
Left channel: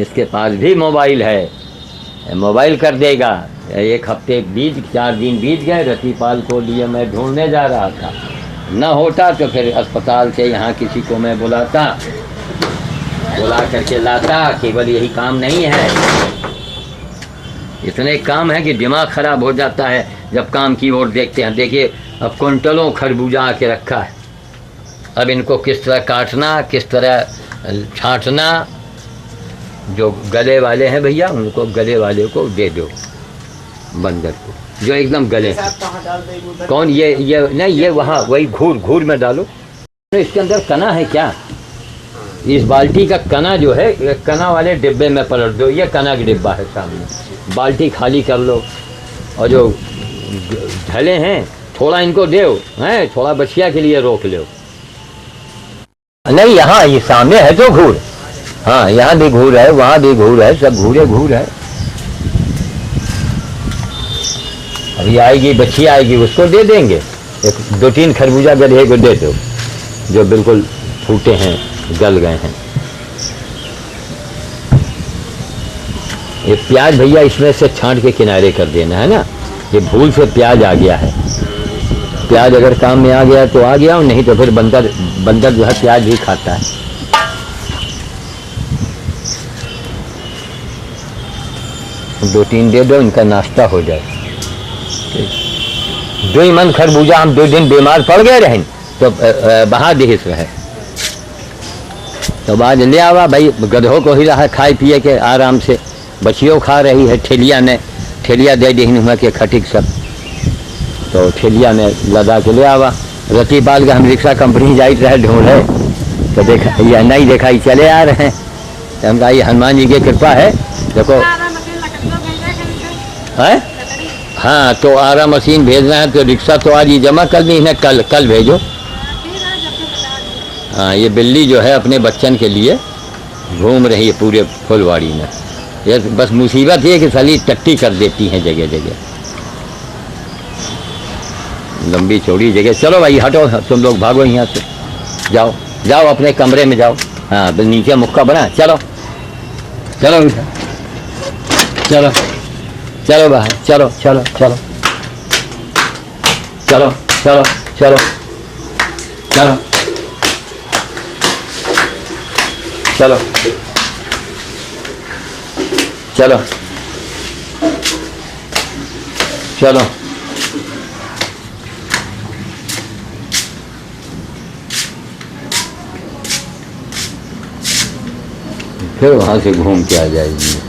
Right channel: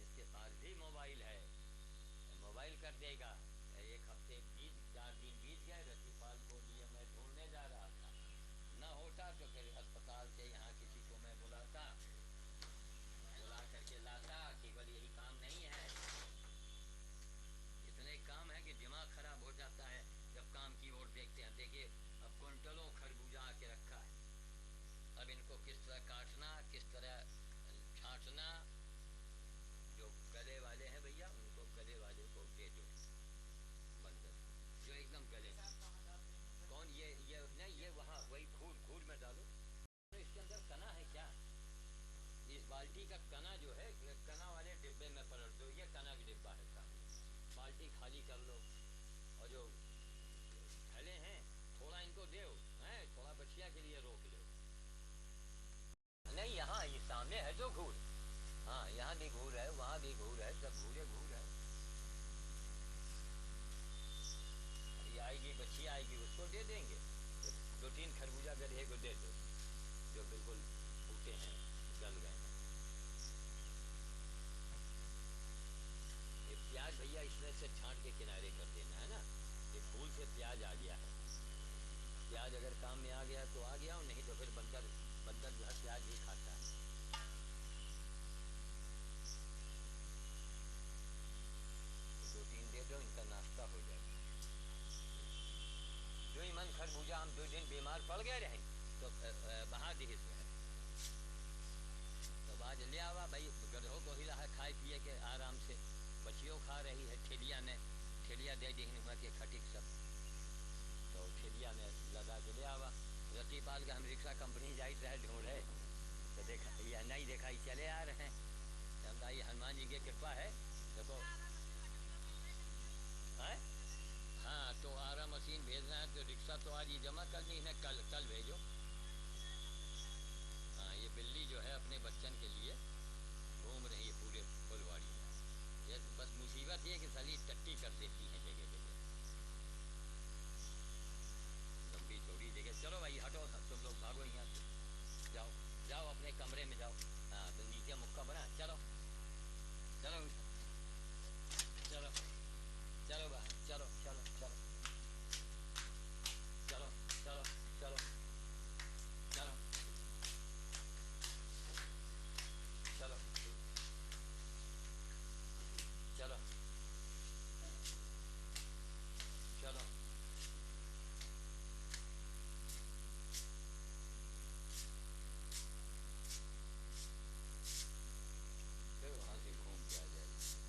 इसके पास भी मोबाइल है, मोबाइल कर देगा। एक हफ्ते 4 दिन बीत गए, रतिपाल को लिए मैं ढूंढने जा रहा था, न होता तो फिर अस्पताल से यहाँ किसी को मैं बुला करके लाता। केवल यही काम नहीं है, इतने काम है कि दिमाग खराब हो जाता है जब काम की ओर देखते हैं। देखिए अब कुंटलों खरबूजा आके रखा है, अब इनको किस तरह काटना, किस तरह छांटना। जो गले वाले हैं भैया, उनको गले वाले को दे दो, बंदर को, जो एकदम गले। कौन ये नहीं, ये वहाँ वही घूर में डालो। तो इसके अंदर कना है क्या? इस बाल्टी का कना जो है, कना वाले डिब्बे में पलट दो। ये कना का डिब्बा है सामने, बाल्टी खाली कर लो। और जो ढले हैं थोड़ा इनको दो, हैं थोड़ा बछिया के लिए रोक लो। नहीं, यहाँ ये सामने है तो घूर, हाँ यहाँ भी घूर है, वहाँ भी घूर है, सब घूर है। अभी आएगी बच्चियाँ आएगी, उसको दे देंगे। 2-3 खरबूजा गधे को दे दो जो बिल्कुल फूटे हैं, गल गए हैं। ये प्याज भैया इसमें से छांट के किनारे कर देना है ना, ये भूल से प्याज आ गया है। प्याज अगर काम में आ गया तो आ गया, और नहीं तो फिर बंदर जो है प्याज भी खाता है। दो 2-3 दे दो, इनका नाश्ता हो जाए। 2 मन खरबूजा हम 2 दिन बीमार पड़ गए रहें तो बहा दिहिस रहे। तो आज ले आवा भाई, गधों को ही रहा खाए पिए के आराम से, बच्चियों खा रही है। ठेलिया दे दी हुआ के खटिक सब, तो ठेलिया में लदा के ले आवा। रतिपाल का हम रिक्शा कंपनी जाइत रहे ढूंढे, तो देखा या नहीं देखा ही चले आ रहे हैं। तो हम कहा ये हनुमान जी की कृपा है। देखो है, हाँ तो आरा मशीन भेजना है, तो रिक्शा तो आज ही जमा कर दी है, कल भेजो। हाँ ये बिल्ली जो है अपने बच्चन के लिए घूम रही है पूरे फुलवाड़ी में। ये बस मुसीबत ये कि साली टट्टी कर देती हैं जगह जगह, लंबी चौड़ी जगह। चलो भाई हटो, तुम लोग भागो यहाँ से, जाओ अपने कमरे में जाओ। हाँ नीचे मुक्का बना, चलो बाहर, चलो फिर वहाँ से घूम के आ जाएगी।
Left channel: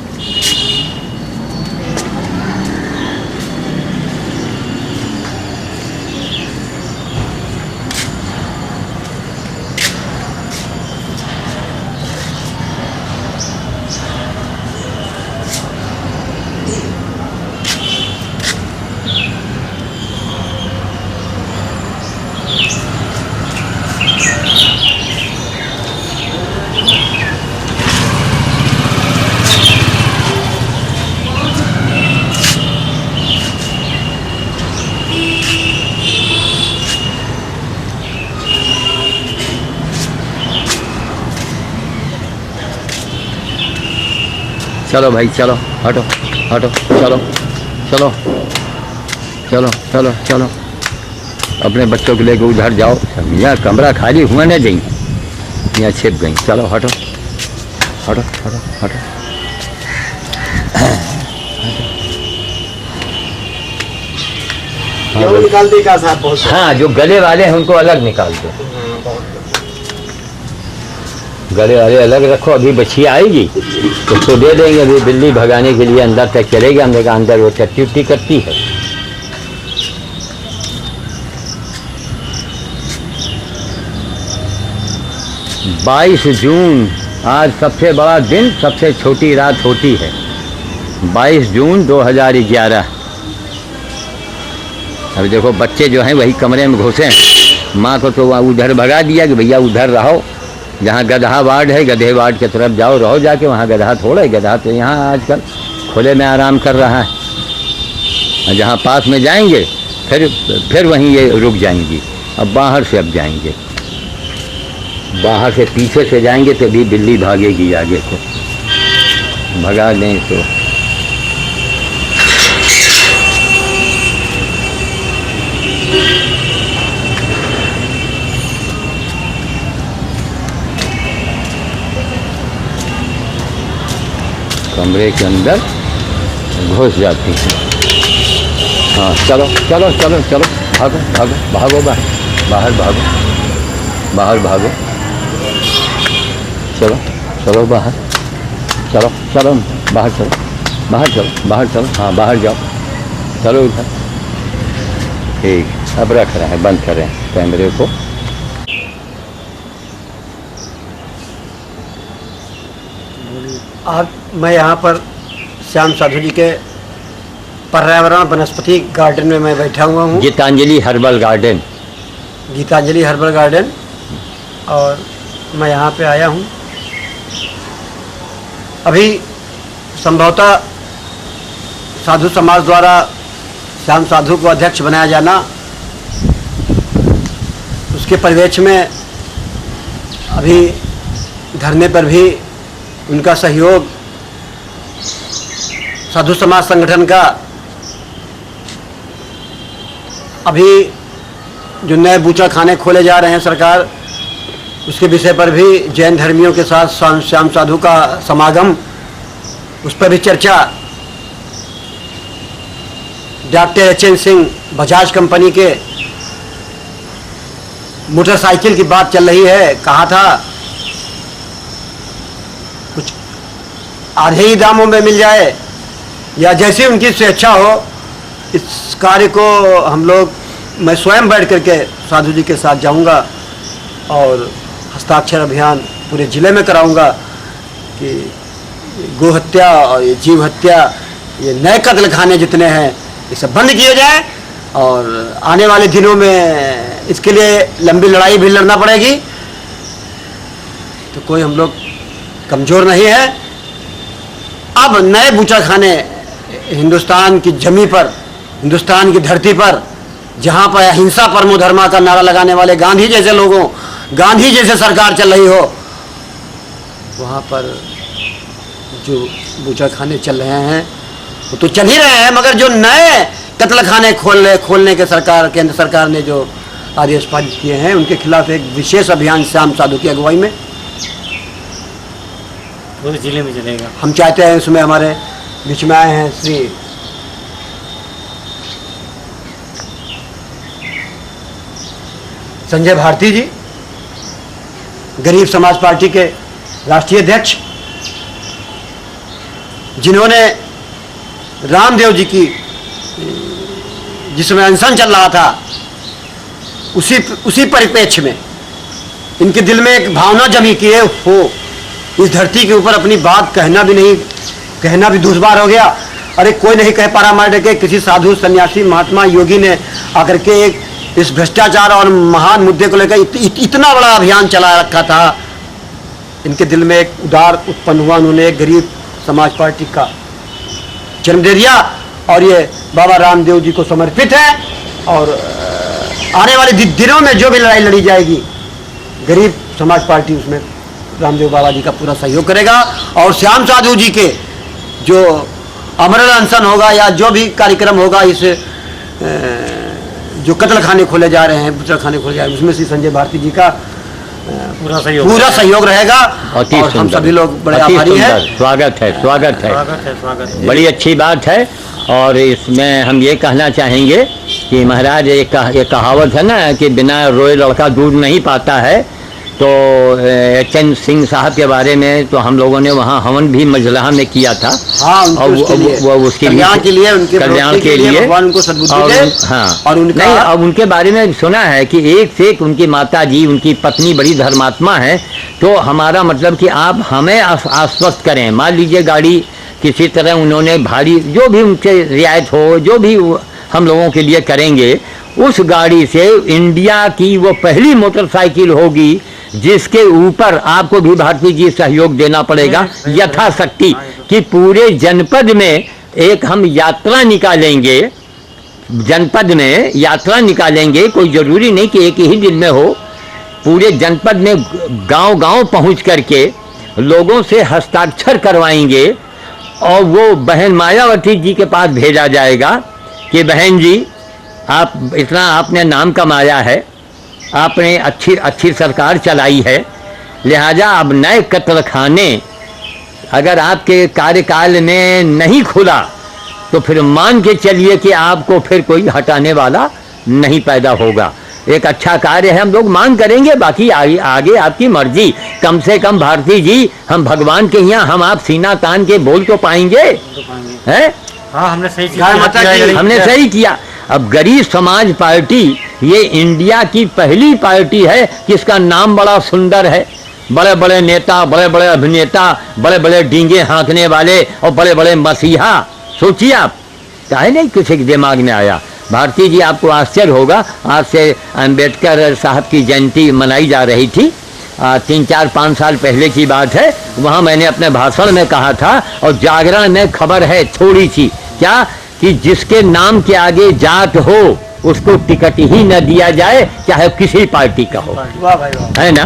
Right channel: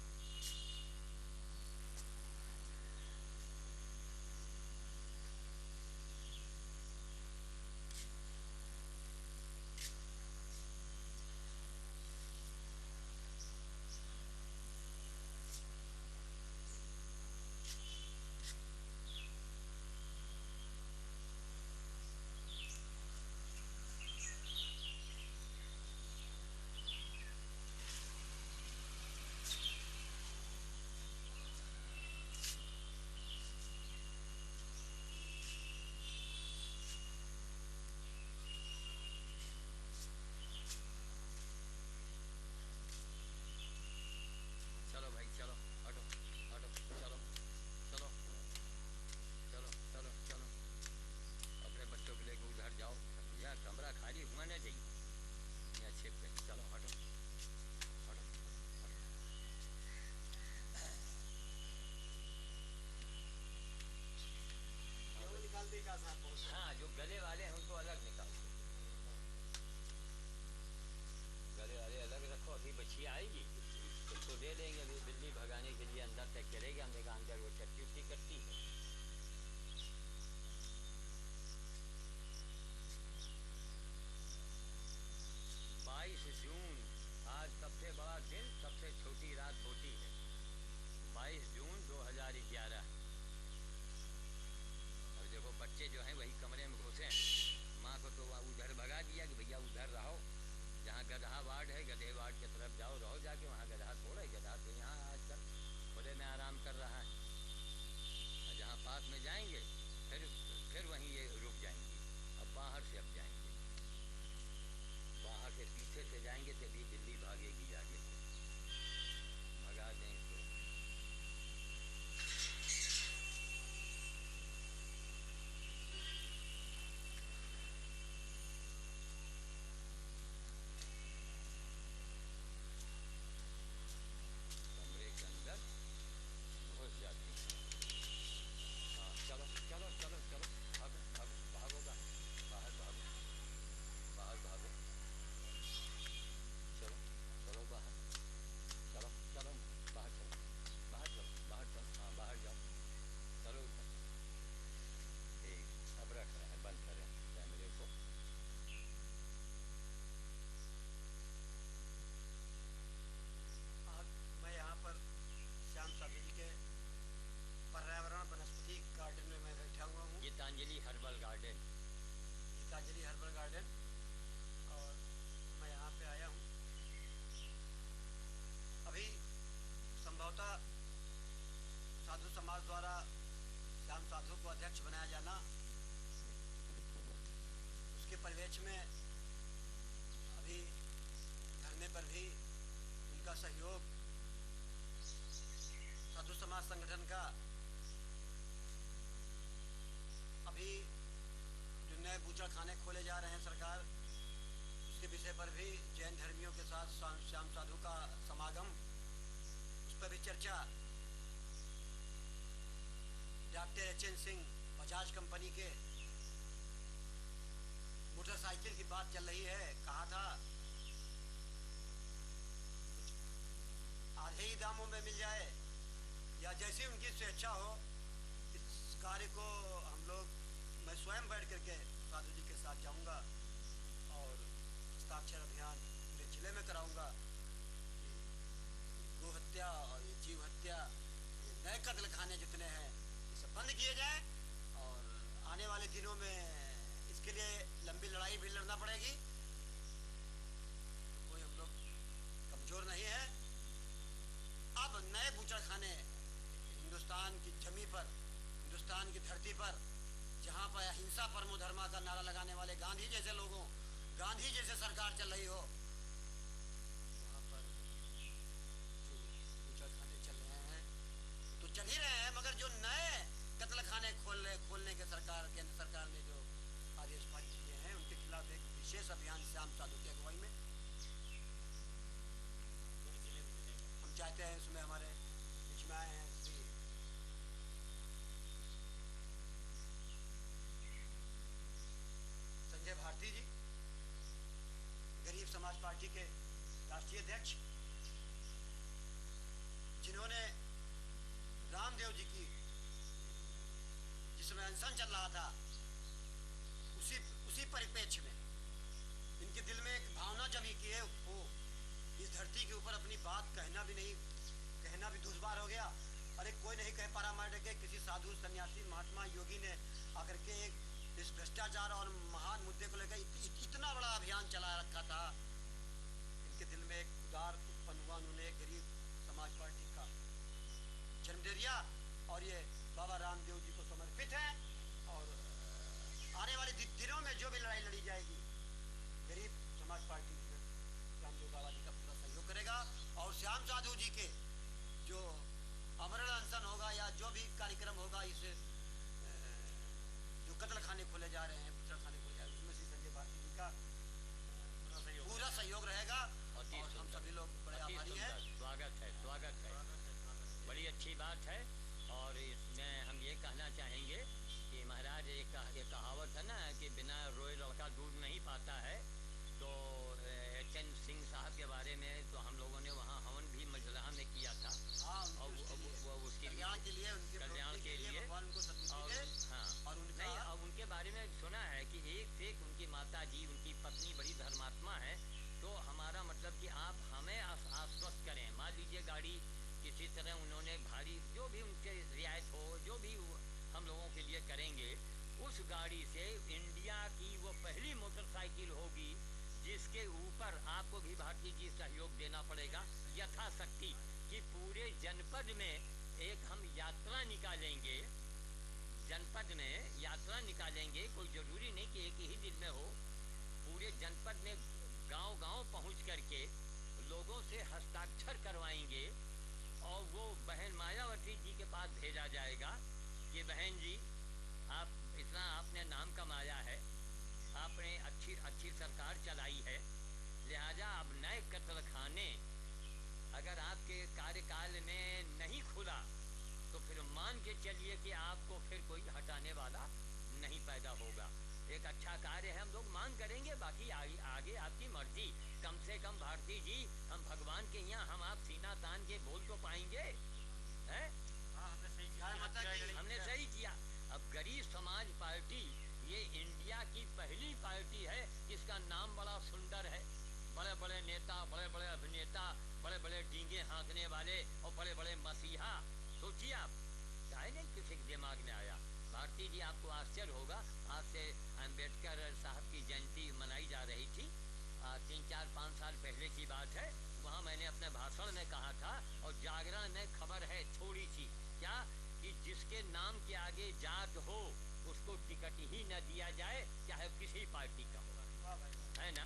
चलो भाई चलो, हटो चलो अपने बच्चों को लेकर उधर जाओ। यहाँ कमरा खाली हुआ नहीं जाएंगे, यहाँ छिप गई। चलो हटो। क्यों निकाल दी का साहब? बहुत हाँ जो गले वाले हैं उनको अलग निकाल दो, गले वाले अलग रखो। अभी बच्चियाँ आएगी तो उसको दे देंगे, अभी बिल्ली भगाने के लिए अंदर तक चलेगी। हमने कहा अंदर वो टट्टी करती है। बाईस जून आज सबसे बड़ा दिन, सबसे छोटी रात होती है। 22 जून 2011 अब देखो बच्चे जो हैं वही कमरे में घुसे हैं, माँ को तो उधर भगा दिया कि भैया उधर रहो, जहाँ गधा वार्ड है गधे वार्ड की तरफ जाओ, रहो जाके, वहाँ गधा थोड़ा है, गधा तो यहाँ आजकल खुले में आराम कर रहा है। जहाँ पास में जाएंगे फिर वहीं ये रुक जाएंगी। अब बाहर से अब जाएंगे, बाहर से पीछे से जाएंगे तो भी बिल्ली भागेगी आगे को, भगा दें तो। कमरे के अंदर घुस जाती हैं। हाँ चलो चलो चलो चलो, भागो भागो भागो, बाहर भागो, बाहर भागो, चलो चलो बाहर, चलो चलो बाहर, चलो बाहर, चलो बाहर, चलो हाँ बाहर जाओ, चलो इधर। ठीक, अब रख रहे हैं, बंद कर रहे हैं कैमरे को। आज मैं यहाँ पर श्याम साधु जी के पर्यावरण वनस्पति गार्डन में मैं बैठा हुआ हूँ, Geetanjali herbal garden, Geetanjali herbal garden. और मैं यहाँ पे आया हूँ। अभी संभवतः साधु समाज द्वारा श्याम साधु को अध्यक्ष बनाया जाना, उसके परिवेश में अभी धरने पर भी उनका सहयोग साधु समाज संगठन का, अभी जो नए बूचा खाने खोले जा रहे हैं सरकार, उसके विषय पर भी जैन धर्मियों के साथ श्याम साधु का समागम, उस पर भी चर्चा। Doctor H.N.. Singh Bajaj company के मोटरसाइकिल की बात चल रही है, कहा था कुछ आधे ही दामों में मिल जाए या जैसी उनकी स्वेच्छा हो। इस कार्य को हम लोग, मैं स्वयं बैठ करके साधु जी के साथ जाऊंगा और हस्ताक्षर अभियान पूरे ज़िले में कराऊंगा कि गो हत्या और ये जीव हत्या, ये नए कत्ल खाने जितने हैं, ये सब बंद किए जाए। और आने वाले दिनों में इसके लिए लंबी लड़ाई भी लड़ना पड़ेगी। तो कोई हम लोग कमज़ोर नहीं है। अब नए बूचा खाने हिंदुस्तान की जमी पर, हिंदुस्तान की धरती पर, जहाँ पर अहिंसा परमो धर्मा का नारा लगाने वाले गांधी जैसे लोगों, गांधी जैसे सरकार चल रही हो, वहाँ पर जो बूचा खाने चल रहे हैं वो तो चल ही रहे हैं, मगर जो नए कत्ल खाने खोलने के सरकार, केंद्र सरकार ने जो आदेश पारित किए हैं, उनके खिलाफ एक विशेष अभियान श्याम साधु की अगुवाई में पूरे जिले में चलेगा। हम चाहते हैं। उसमें हमारे बीच में आए हैं श्री संजय भारती जी, गरीब समाज पार्टी के राष्ट्रीय अध्यक्ष, जिन्होंने रामदेव जी की, जिसमें अनशन चल रहा था, उसी परिप्रेक्ष्य में इनके दिल में एक भावना जमी कि हो, इस धरती के ऊपर अपनी बात कहना भी दुश्वार हो गया। अरे कोई नहीं कह पा रहा हमारे के, किसी साधु सन्यासी महात्मा योगी ने आकर के एक इस भ्रष्टाचार और महान मुद्दे को लेकर इतना बड़ा अभियान चला रखा था। इनके दिल में एक उदार उत्पन्न हुआ, उन्होंने एक गरीब समाज पार्टी का जन्म दे दिया और ये बाबा रामदेव जी को समर्पित है। और आने वाले दिनों में जो भी लड़ाई लड़ी जाएगी, गरीब समाज पार्टी उसमें रामदेव बाबा जी का पूरा सहयोग करेगा। और श्याम साधु जी के जो अमरल अनशन होगा या जो भी कार्यक्रम होगा, इस जो कत्ल खाने खोले जा रहे हैं, बुचड़ खाने खोले जा रहे हैं, उसमें श्री संजय भारती जी का पूरा सहयोग रहेगा। और हम सभी लोग बड़े आभारी हैं। स्वागत है, स्वागत है, स्वागत है। बड़ी अच्छी बात है। और इसमें हम ये कहना चाहेंगे कि महाराज एक कहावत है ना कि बिना रोए लड़का दूध नहीं पाता है। तो एच.एन. सिंह साहब के बारे में तो हम लोगों ने वहाँ हवन भी मजलहा में किया था। हाँ, और उसके कल्याण के लिए, उनके कल्याण के लिए भगवान उनको सद्बुद्धि दे। हाँ, और उनका नहीं, अब उनके बारे में सुना है कि एक से एक उनकी माता जी, उनकी पत्नी बड़ी धर्मात्मा है। तो हमारा मतलब कि आप हमें आश्वस्त करें। मान लीजिए गाड़ी किसी तरह उन्होंने भारी, जो भी उनसे रियायत हो, जो भी हम लोगों के लिए करेंगे, उस गाड़ी से इंडिया की वो पहली मोटरसाइकिल होगी जिसके ऊपर आपको भी भारती जी सहयोग देना पड़ेगा यथाशक्ति, कि पूरे जनपद में एक हम यात्रा निकालेंगे, जनपद में यात्रा निकालेंगे। कोई ज़रूरी नहीं कि एक ही दिन में हो, पूरे जनपद में गांव-गांव पहुंच करके लोगों से हस्ताक्षर करवाएंगे और वो बहन मायावती जी के पास भेजा जाएगा कि बहन जी, आप इतना आपने नाम कमाया है, आपने अच्छी सरकार चलाई है, लिहाजा अब नए कत्लखाने अगर आपके कार्यकाल में नहीं खुला तो फिर मान के चलिए कि आपको फिर कोई हटाने वाला नहीं पैदा होगा। एक अच्छा कार्य है, हम लोग मांग करेंगे, बाकी आगे आपकी मर्जी। कम से कम भारती जी, हम भगवान के यहाँ हम आप सीना तान के बोल तो पाएंगे, हैं? हाँ, हमने सही हमने सही किया। अब गरीब समाज पार्टी ये इंडिया की पहली पार्टी है जिसका नाम बड़ा सुंदर है। बड़े बड़े नेता, बड़े बड़े अभिनेता, बड़े बड़े डींगे हाँकने वाले और बड़े बड़े मसीहा, सोचिए आप, चाहे नहीं किसी के दिमाग में आया। भारती जी, आपको आश्चर्य होगा, आज से अम्बेडकर साहब की जयंती मनाई जा रही थी, 3-4-5 साल पहले की बात है। वहाँ मैंने अपने भाषण में कहा था, और जागरण में खबर है थोड़ी सी, क्या कि जिसके नाम के आगे जात हो उसको टिकट ही न दिया जाए, चाहे किसी पार्टी का हो। वाह भाई वाह। है ना?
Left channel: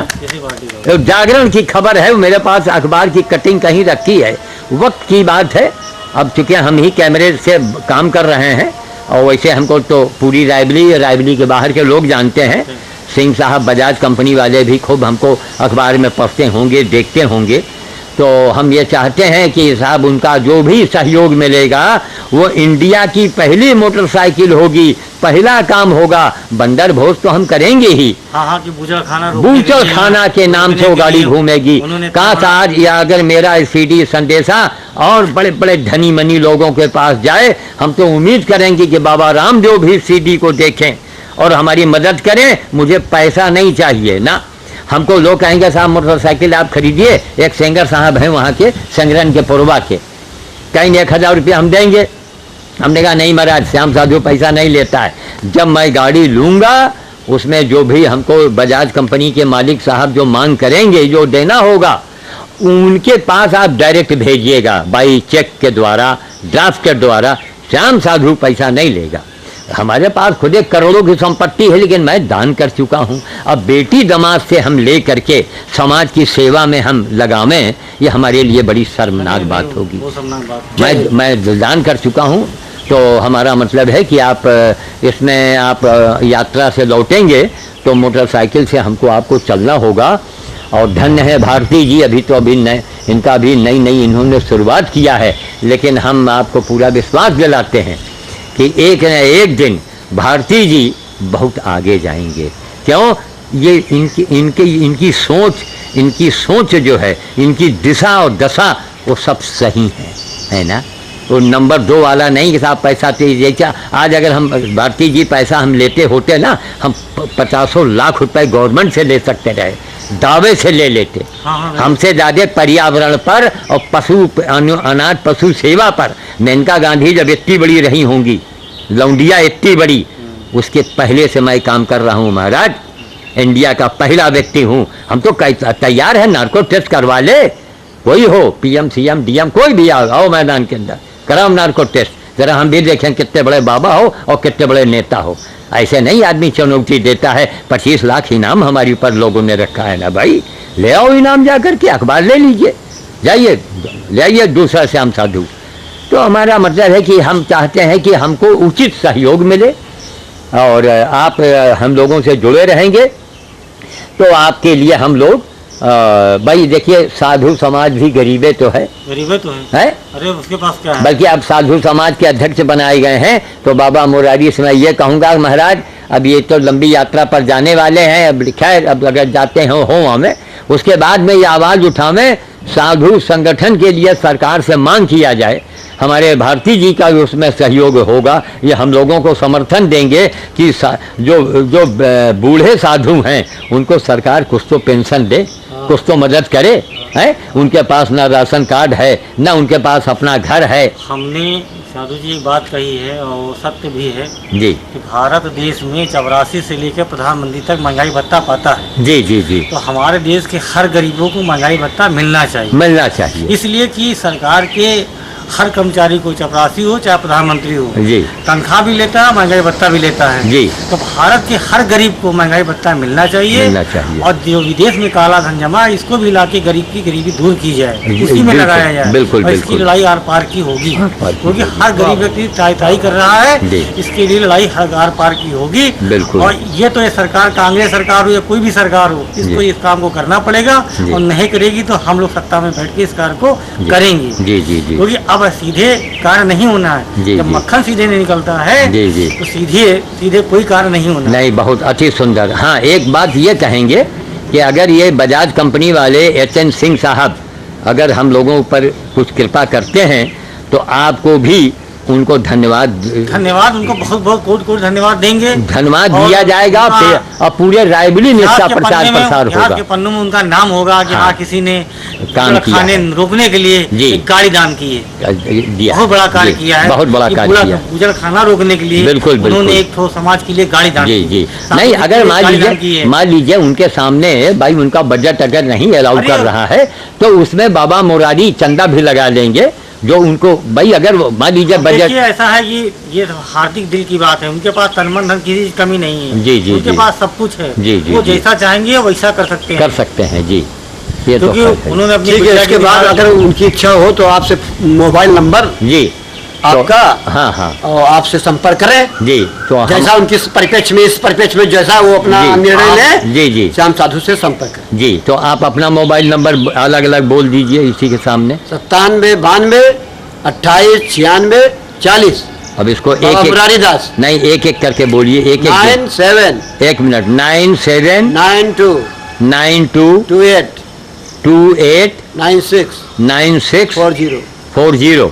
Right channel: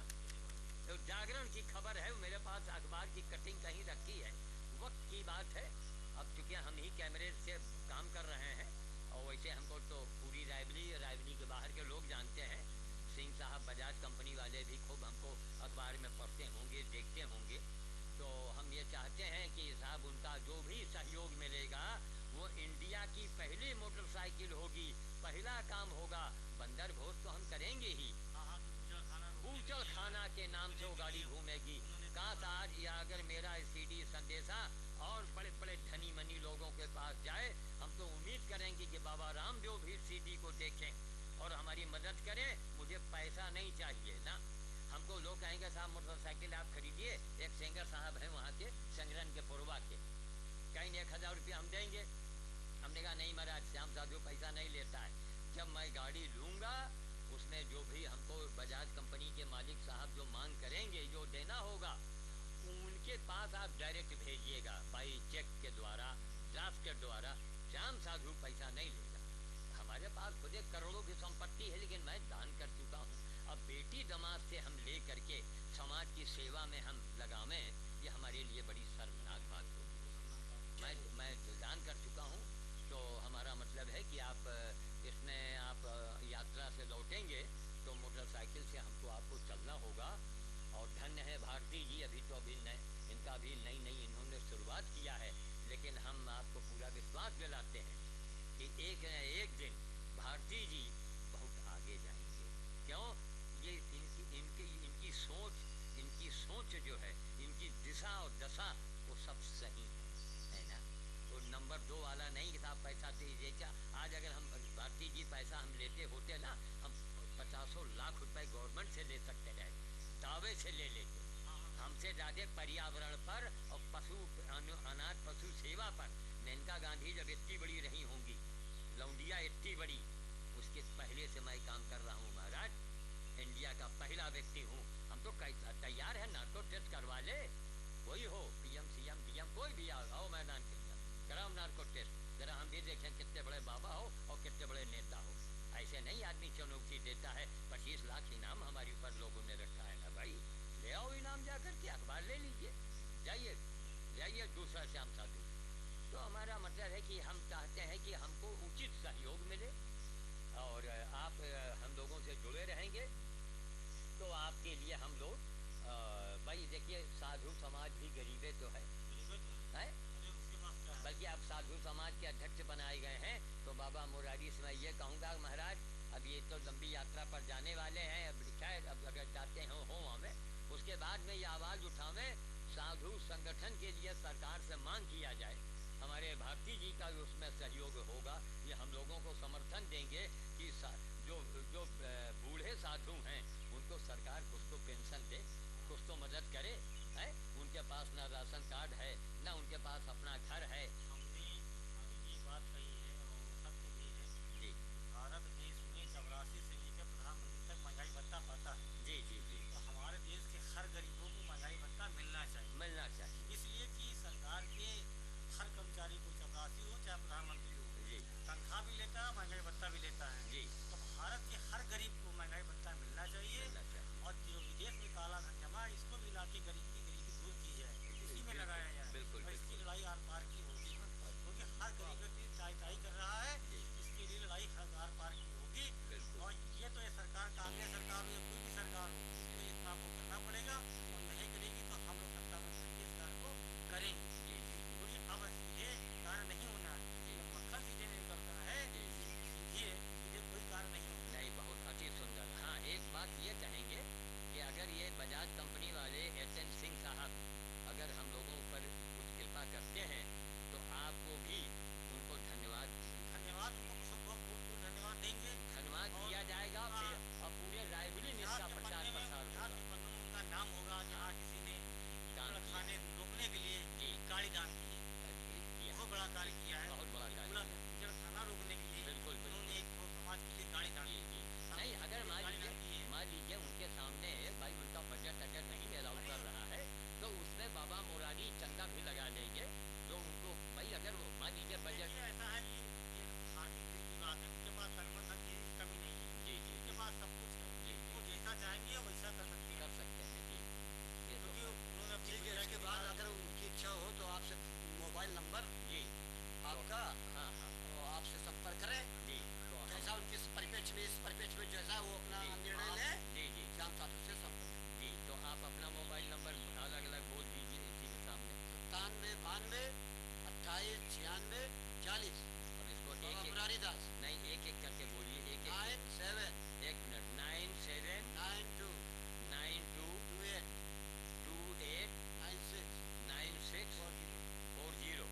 तो जागरण की खबर है, मेरे पास अखबार की कटिंग कहीं रखी है। वक्त की बात है, अब चूंकि हम ही कैमरे से काम कर रहे हैं, और वैसे हमको तो पूरी रायबली के बाहर के लोग जानते हैं। सिंह साहब बजाज कंपनी वाले भी खूब हमको अखबार में पढ़ते होंगे, देखते होंगे। तो हम ये चाहते हैं कि साहब उनका जो भी सहयोग मिलेगा वो इंडिया की पहली मोटरसाइकिल होगी, पहला काम होगा। बंदर भोज तो हम करेंगे ही, हाँ, कि बूचड़ खाना के नाम से वो गाड़ी घूमेगी। काश आज या अगर मेरा सीडी संदेशा और बड़े बड़े धनी मनी लोगों के पास जाए, हम तो उम्मीद करेंगे कि बाबा रामदेव भी सीडी को देखें और हमारी मदद करें। मुझे पैसा नहीं चाहिए ना, हमको लोग कहेंगे साहब मोटरसाइकिल आप खरीदिए, एक सिंगर साहब हैं वहाँ के संग्रहण के पुरवा के, कहेंगे 1000 रुपया हम देंगे। हमने कहा नहीं महाराज, श्याम साधु पैसा नहीं लेता है। जब मैं गाड़ी लूँगा उसमें जो भी हमको बजाज कंपनी के मालिक साहब जो मांग करेंगे, जो देना होगा, उनके पास आप डायरेक्ट भेजिएगा, बाई चेक के द्वारा, ड्राफ्ट के द्वारा। श्याम साधु पैसा नहीं लेगा। हमारे पास खुद एक करोड़ों की संपत्ति है, लेकिन मैं दान कर चुका हूँ। अब बेटी दमाद से हम ले करके समाज की सेवा में हम लगावें, ये हमारे लिए बड़ी शर्मनाक बात होगी। मैं दान कर चुका हूँ, तो हमारा मतलब है कि आप इसमें आप यात्रा से लौटेंगे तो मोटरसाइकिल से हमको आपको चलना होगा। और धन्य है भारती जी, अभी इनका भी नई इन्होंने शुरुआत किया है, लेकिन हम आपको पूरा विश्वास दिलाते हैं कि एक न एक दिन भारती जी बहुत आगे जाएंगे। क्यों? ये इनकी सोच जो है, इनकी दिशा और दशा वो सब सही है ना? वो नंबर 2 वाला नहीं कि साहब पैसा जैसा आज अगर हम भारती जी पैसा हम लेते होते ना, हम 50 लाख रुपए गवर्नमेंट से ले सकते रहे, दावे से ले लेते। हमसे ज़्यादा पर्यावरण पर और अनाथ पशु सेवा पर मेनका गांधी जब इतनी बड़ी रही होंगी, लौंडिया इतनी बड़ी, उसके पहले से मैं काम कर रहा हूँ महाराज। इंडिया का पहला व्यक्ति हूँ। हम तो तैयार है, नार्को टेस्ट करवा ले, कोई हो, PM CM DM कोई भी आओ मैदान के अंदर, कराओ नार्को टेस्ट, जरा हम भी देखें कितने बड़े बाबा हो और कितने बड़े नेता हो। ऐसे नहीं आदमी चुनौती देता है। 25 लाख इनाम हमारे ऊपर लोगों ने रखा है ना भाई, ले आओ इनाम जा करके, अखबार ले लीजिए, जाइए ले आइए दूसरा श्याम साधु। तो हमारा मतलब है कि हम चाहते हैं कि हमको उचित सहयोग मिले, और आप हम लोगों से जुड़े रहेंगे तो आपके लिए हम लोग भाई देखिए, साधु समाज भी गरीबे तो है, है? अरे उसके पास क्या है? बल्कि आप साधु समाज के अध्यक्ष बनाए गए हैं। तो बाबा मुरारी से मैं ये कहूँगा महाराज, अब ये तो लंबी यात्रा पर जाने वाले हैं, अब खैर अब अगर जाते हो हमें, उसके बाद में ये आवाज़ उठावें, साधु संगठन के लिए सरकार से मांग किया जाए। हमारे भारती जी का भी उसमें सहयोग होगा, ये हम लोगों को समर्थन देंगे कि जो बूढ़े साधु हैं उनको सरकार कुछ तो पेंशन दे, कुछ तो मदद करे, है? उनके पास ना राशन कार्ड है, ना उनके पास अपना घर है। हमने साधु जी एक बात कही है और वो सत्य भी है जी कि भारत देश में 84 से लेकर प्रधानमंत्री तक महंगाई भत्ता पाता है। जी जी जी, तो हमारे देश के हर गरीबों को महंगाई भत्ता मिलना चाहिए। मिलना चाहिए। इसलिए कि सरकार के हर कर्मचारी को, चपरासी हो चाहे प्रधानमंत्री हो, जी तनख्वाह भी लेता है, महंगाई भत्ता भी लेता है। जी, तो भारत के हर गरीब को महंगाई भत्ता मिलना चाहिए। मिलना चाहिए। और जो विदेश में काला धन जमा है, इसको भी लाके गरीब की गरीबी दूर की जाए, इसी में बिल्कुल, लगाया जाए। बिल्कुल, और इसकी बिल्कुल। लड़ाई आर पार की होगी, पार की क्योंकि होगी। हर गरीब व्यक्ति ताई कर रहा है। जी। इसके लिए लड़ाई हर आर पार की होगी। बिल्कुल। और ये तो ये सरकार, कांग्रेस सरकार हो या कोई भी सरकार हो, इसको जी। इस काम को करना पड़ेगा। जी। और नहीं करेगी तो हम लोग सत्ता में बैठ के इस कार्य को जी। करेंगे। जी जी जी, क्योंकि अब सीधे कार्य नहीं होना है। जी, जब जी। मक्खन सीधे नहीं निकलता है जी, जी। तो सीधे कोई कार्य नहीं होना। नहीं, बहुत अति सुंदर। हाँ, एक बात ये कहेंगे कि अगर ये बजाज कंपनी वाले एच.एन. सिंह साहब अगर हम लोगों पर कुछ कृपा करते हैं तो आपको भी उनको धन्यवाद उनको बहुत बहुत कोट कोट धन्यवाद देंगे। धन्यवाद और दिया जाएगा उनका और पूरे रायबरेली में इसका प्रचार प्रसार इतिहास होगा। के पन्नों में उनका नाम होगा कि हाँ। हाँ किसी ने काम किया खाने है। रोकने के लिए जी। एक गाड़ी दान की है। दिया बहुत बड़ा कार्य जी, किया है। बहुत बड़ा कि कार्य पूरा किया। उजड़ खाना रोकने के लिए बिल्कुल, बिल्कुल। उन्होंने एक ठो समाज के लिए गाड़ी दान जी की। जी, साथ नहीं, में अगर एक गाड़ी दान की है। मान लीजिए उनके सामने भाई उनका बजट अगर नहीं अलाउ अरे कर रहा है तो उसमें बाबा मुरारी चंदा भी लगा लेंगे, जो उनको भाई अगर मान लीजिए बजट। देखिए ऐसा है कि ये हार्दिक दिल की बात है, उनके पास तन मन धन की कमी नहीं है। जी, जी, उनके जी। पास सब कुछ है। जी, जी, वो जी। जैसा चाहेंगे वैसा कर सकते हैं। कर सकते हैं जी, ये तो क्योंकि खैर है। उन्होंने अपनी ठीक है, बिटिया इसके की बाद निकाल- अगर उनकी इच्छा हो तो आपसे मोबाइल नंबर जी आपका हाँ हाँ और आपसे संपर्क करें। जी, तो हम जैसा उनकी इस परिप्रेक्ष्य में जैसा वो अपना जी, निर्णय आप- ले, जी जी श्याम साधु से संपर्क करें। जी, तो आप अपना मोबाइल नंबर अलग अलग बोल दीजिए इसी के सामने। 97 92 28 96 40। अब इसको बाबा एक मुरारी दास। नहीं, एक एक करके बोलिए, एक एक 97 एक मिनट। 97 92 92 28 28 96 96 40। 40।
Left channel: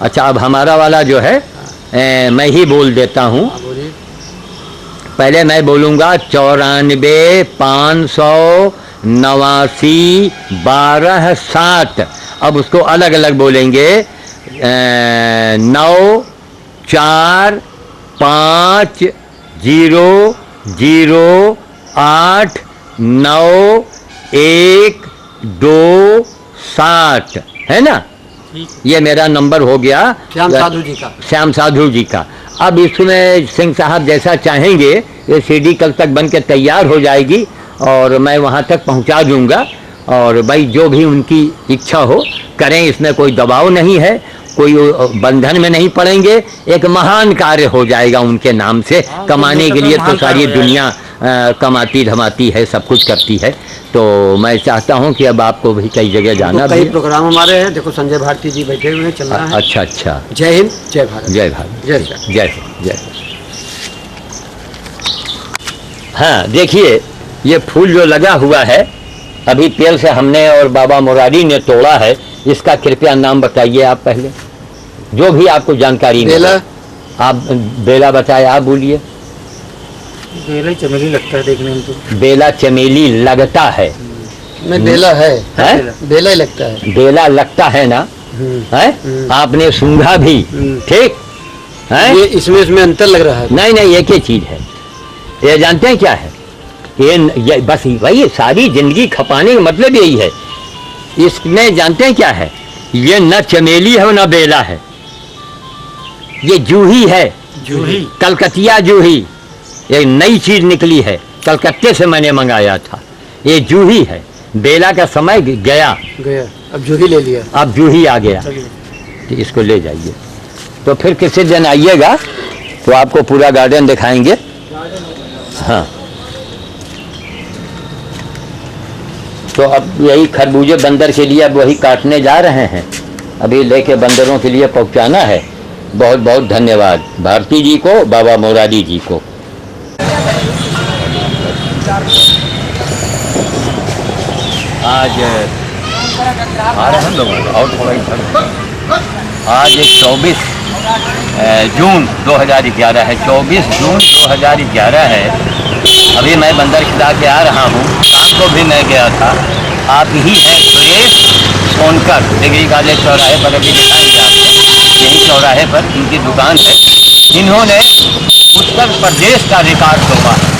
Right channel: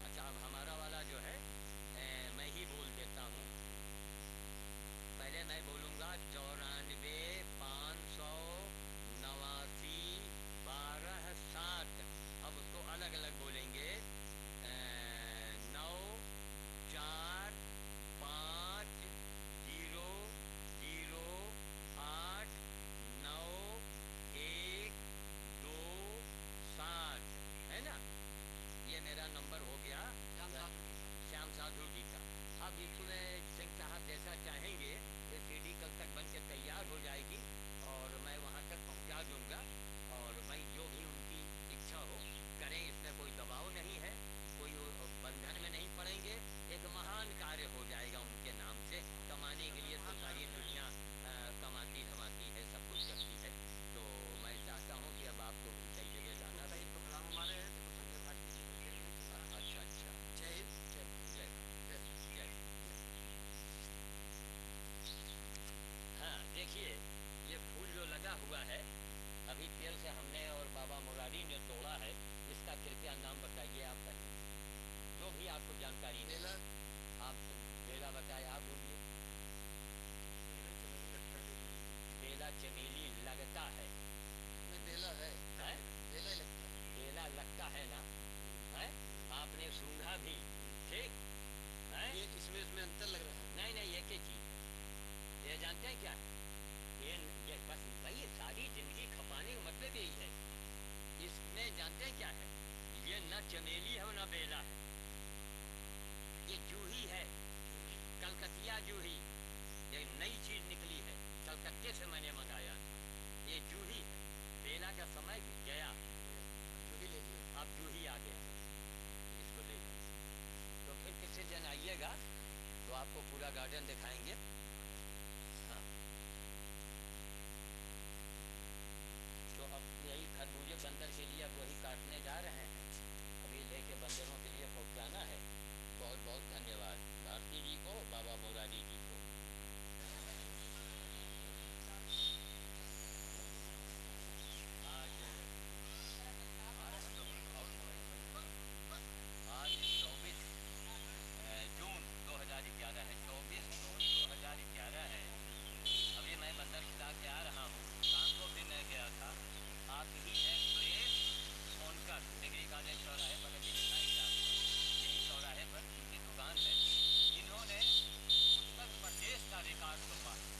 अच्छा, अब हमारा वाला जो है मैं ही बोल देता हूँ। बोलिए। पहले मैं बोलूँगा 94 589 12 60। अब उसको अलग अलग बोलेंगे 9 4 5 0 0 8 9 1 2 60 है ना। ठीक। ये मेरा नंबर हो गया श्याम साधु जी का। श्याम साधु जी का। अब इसमें सिंह साहब जैसा चाहेंगे ये सीडी कल तक बन के तैयार हो जाएगी और मैं वहाँ तक पहुँचा दूँगा। और भाई जो भी उनकी इच्छा हो करें, इसमें कोई दबाव नहीं है, कोई बंधन में नहीं पड़ेंगे। एक महान कार्य हो जाएगा उनके नाम से। कमाने के लिए तो सारी दुनिया कमाती धमाती है, सब कुछ करती है। तो मैं चाहता हूं कि अब आपको भी कई जगह जाना तो कई भी। प्रोग्राम हमारे हैं, देखो संजय भारती जी बैठे हुए हैं, चल रहा है। अच्छा अच्छा, जय हिंद, जय भारत। जय भारत, जय श्याम। जय जय। हाँ, देखिए ये फूल जो लगा हुआ है अभी पेड़ से हमने और बाबा मुरारी ने तोड़ा है, इसका कृपया नाम बताइए आप पहले, जो भी आपको जानकारी में हो। बेला। आप बेला बताए, आप बोलिए। बेला ही चमेली लगता है देखने में तो। बेला चमेली लगता है, नहीं, बेला है, हैं? बेला ही लगता है। बेला लगता है ना, है आपने सूंघा भी, ठीक है। ये इसमें अंतर लग रहा है। नहीं नहीं, एक ही चीज है। ये जानते हैं क्या है, ये बस वही सारी जिंदगी खपाने का मतलब यही है। इसमें जानते हैं क्या है, ये न चमेली है न बेला है, ये जूही है, जूही। कलकतिया जूही। ये नई चीज निकली है, कलकत्ते से मैंने मंगाया था। ये जूही है, बेला का समय गया, अब जूही ले लिया। अब जूही आ गया। चलिए। तो इसको ले जाइए। तो फिर किसी दिन आइएगा तो आपको पूरा गार्डन दिखाएंगे। हाँ, तो अब यही खरबूजे बंदर के लिए अब वही काटने जा रहे हैं, अभी लेके बंदरों के लिए पहुंचाना है। बहुत बहुत धन्यवाद भारती जी को, बाबा मुरारी जी को। आज आ रहे हैं लोग और थोड़ा इधर। आज 24 जून 2011 है, 24 जून 2011 है। अभी मैं बंदर खिला के आ रहा हूँ, शाम को भी मैं गया था। आप ही हैं सुरेश सोनकर, डिग्री कॉलेज चौराहे पर, अभी दिखाएंगे आपको। यहीं चौराहे पर इनकी दुकान है। इन्होंने उत्तर प्रदेश का रिकॉर्ड तोड़ा है।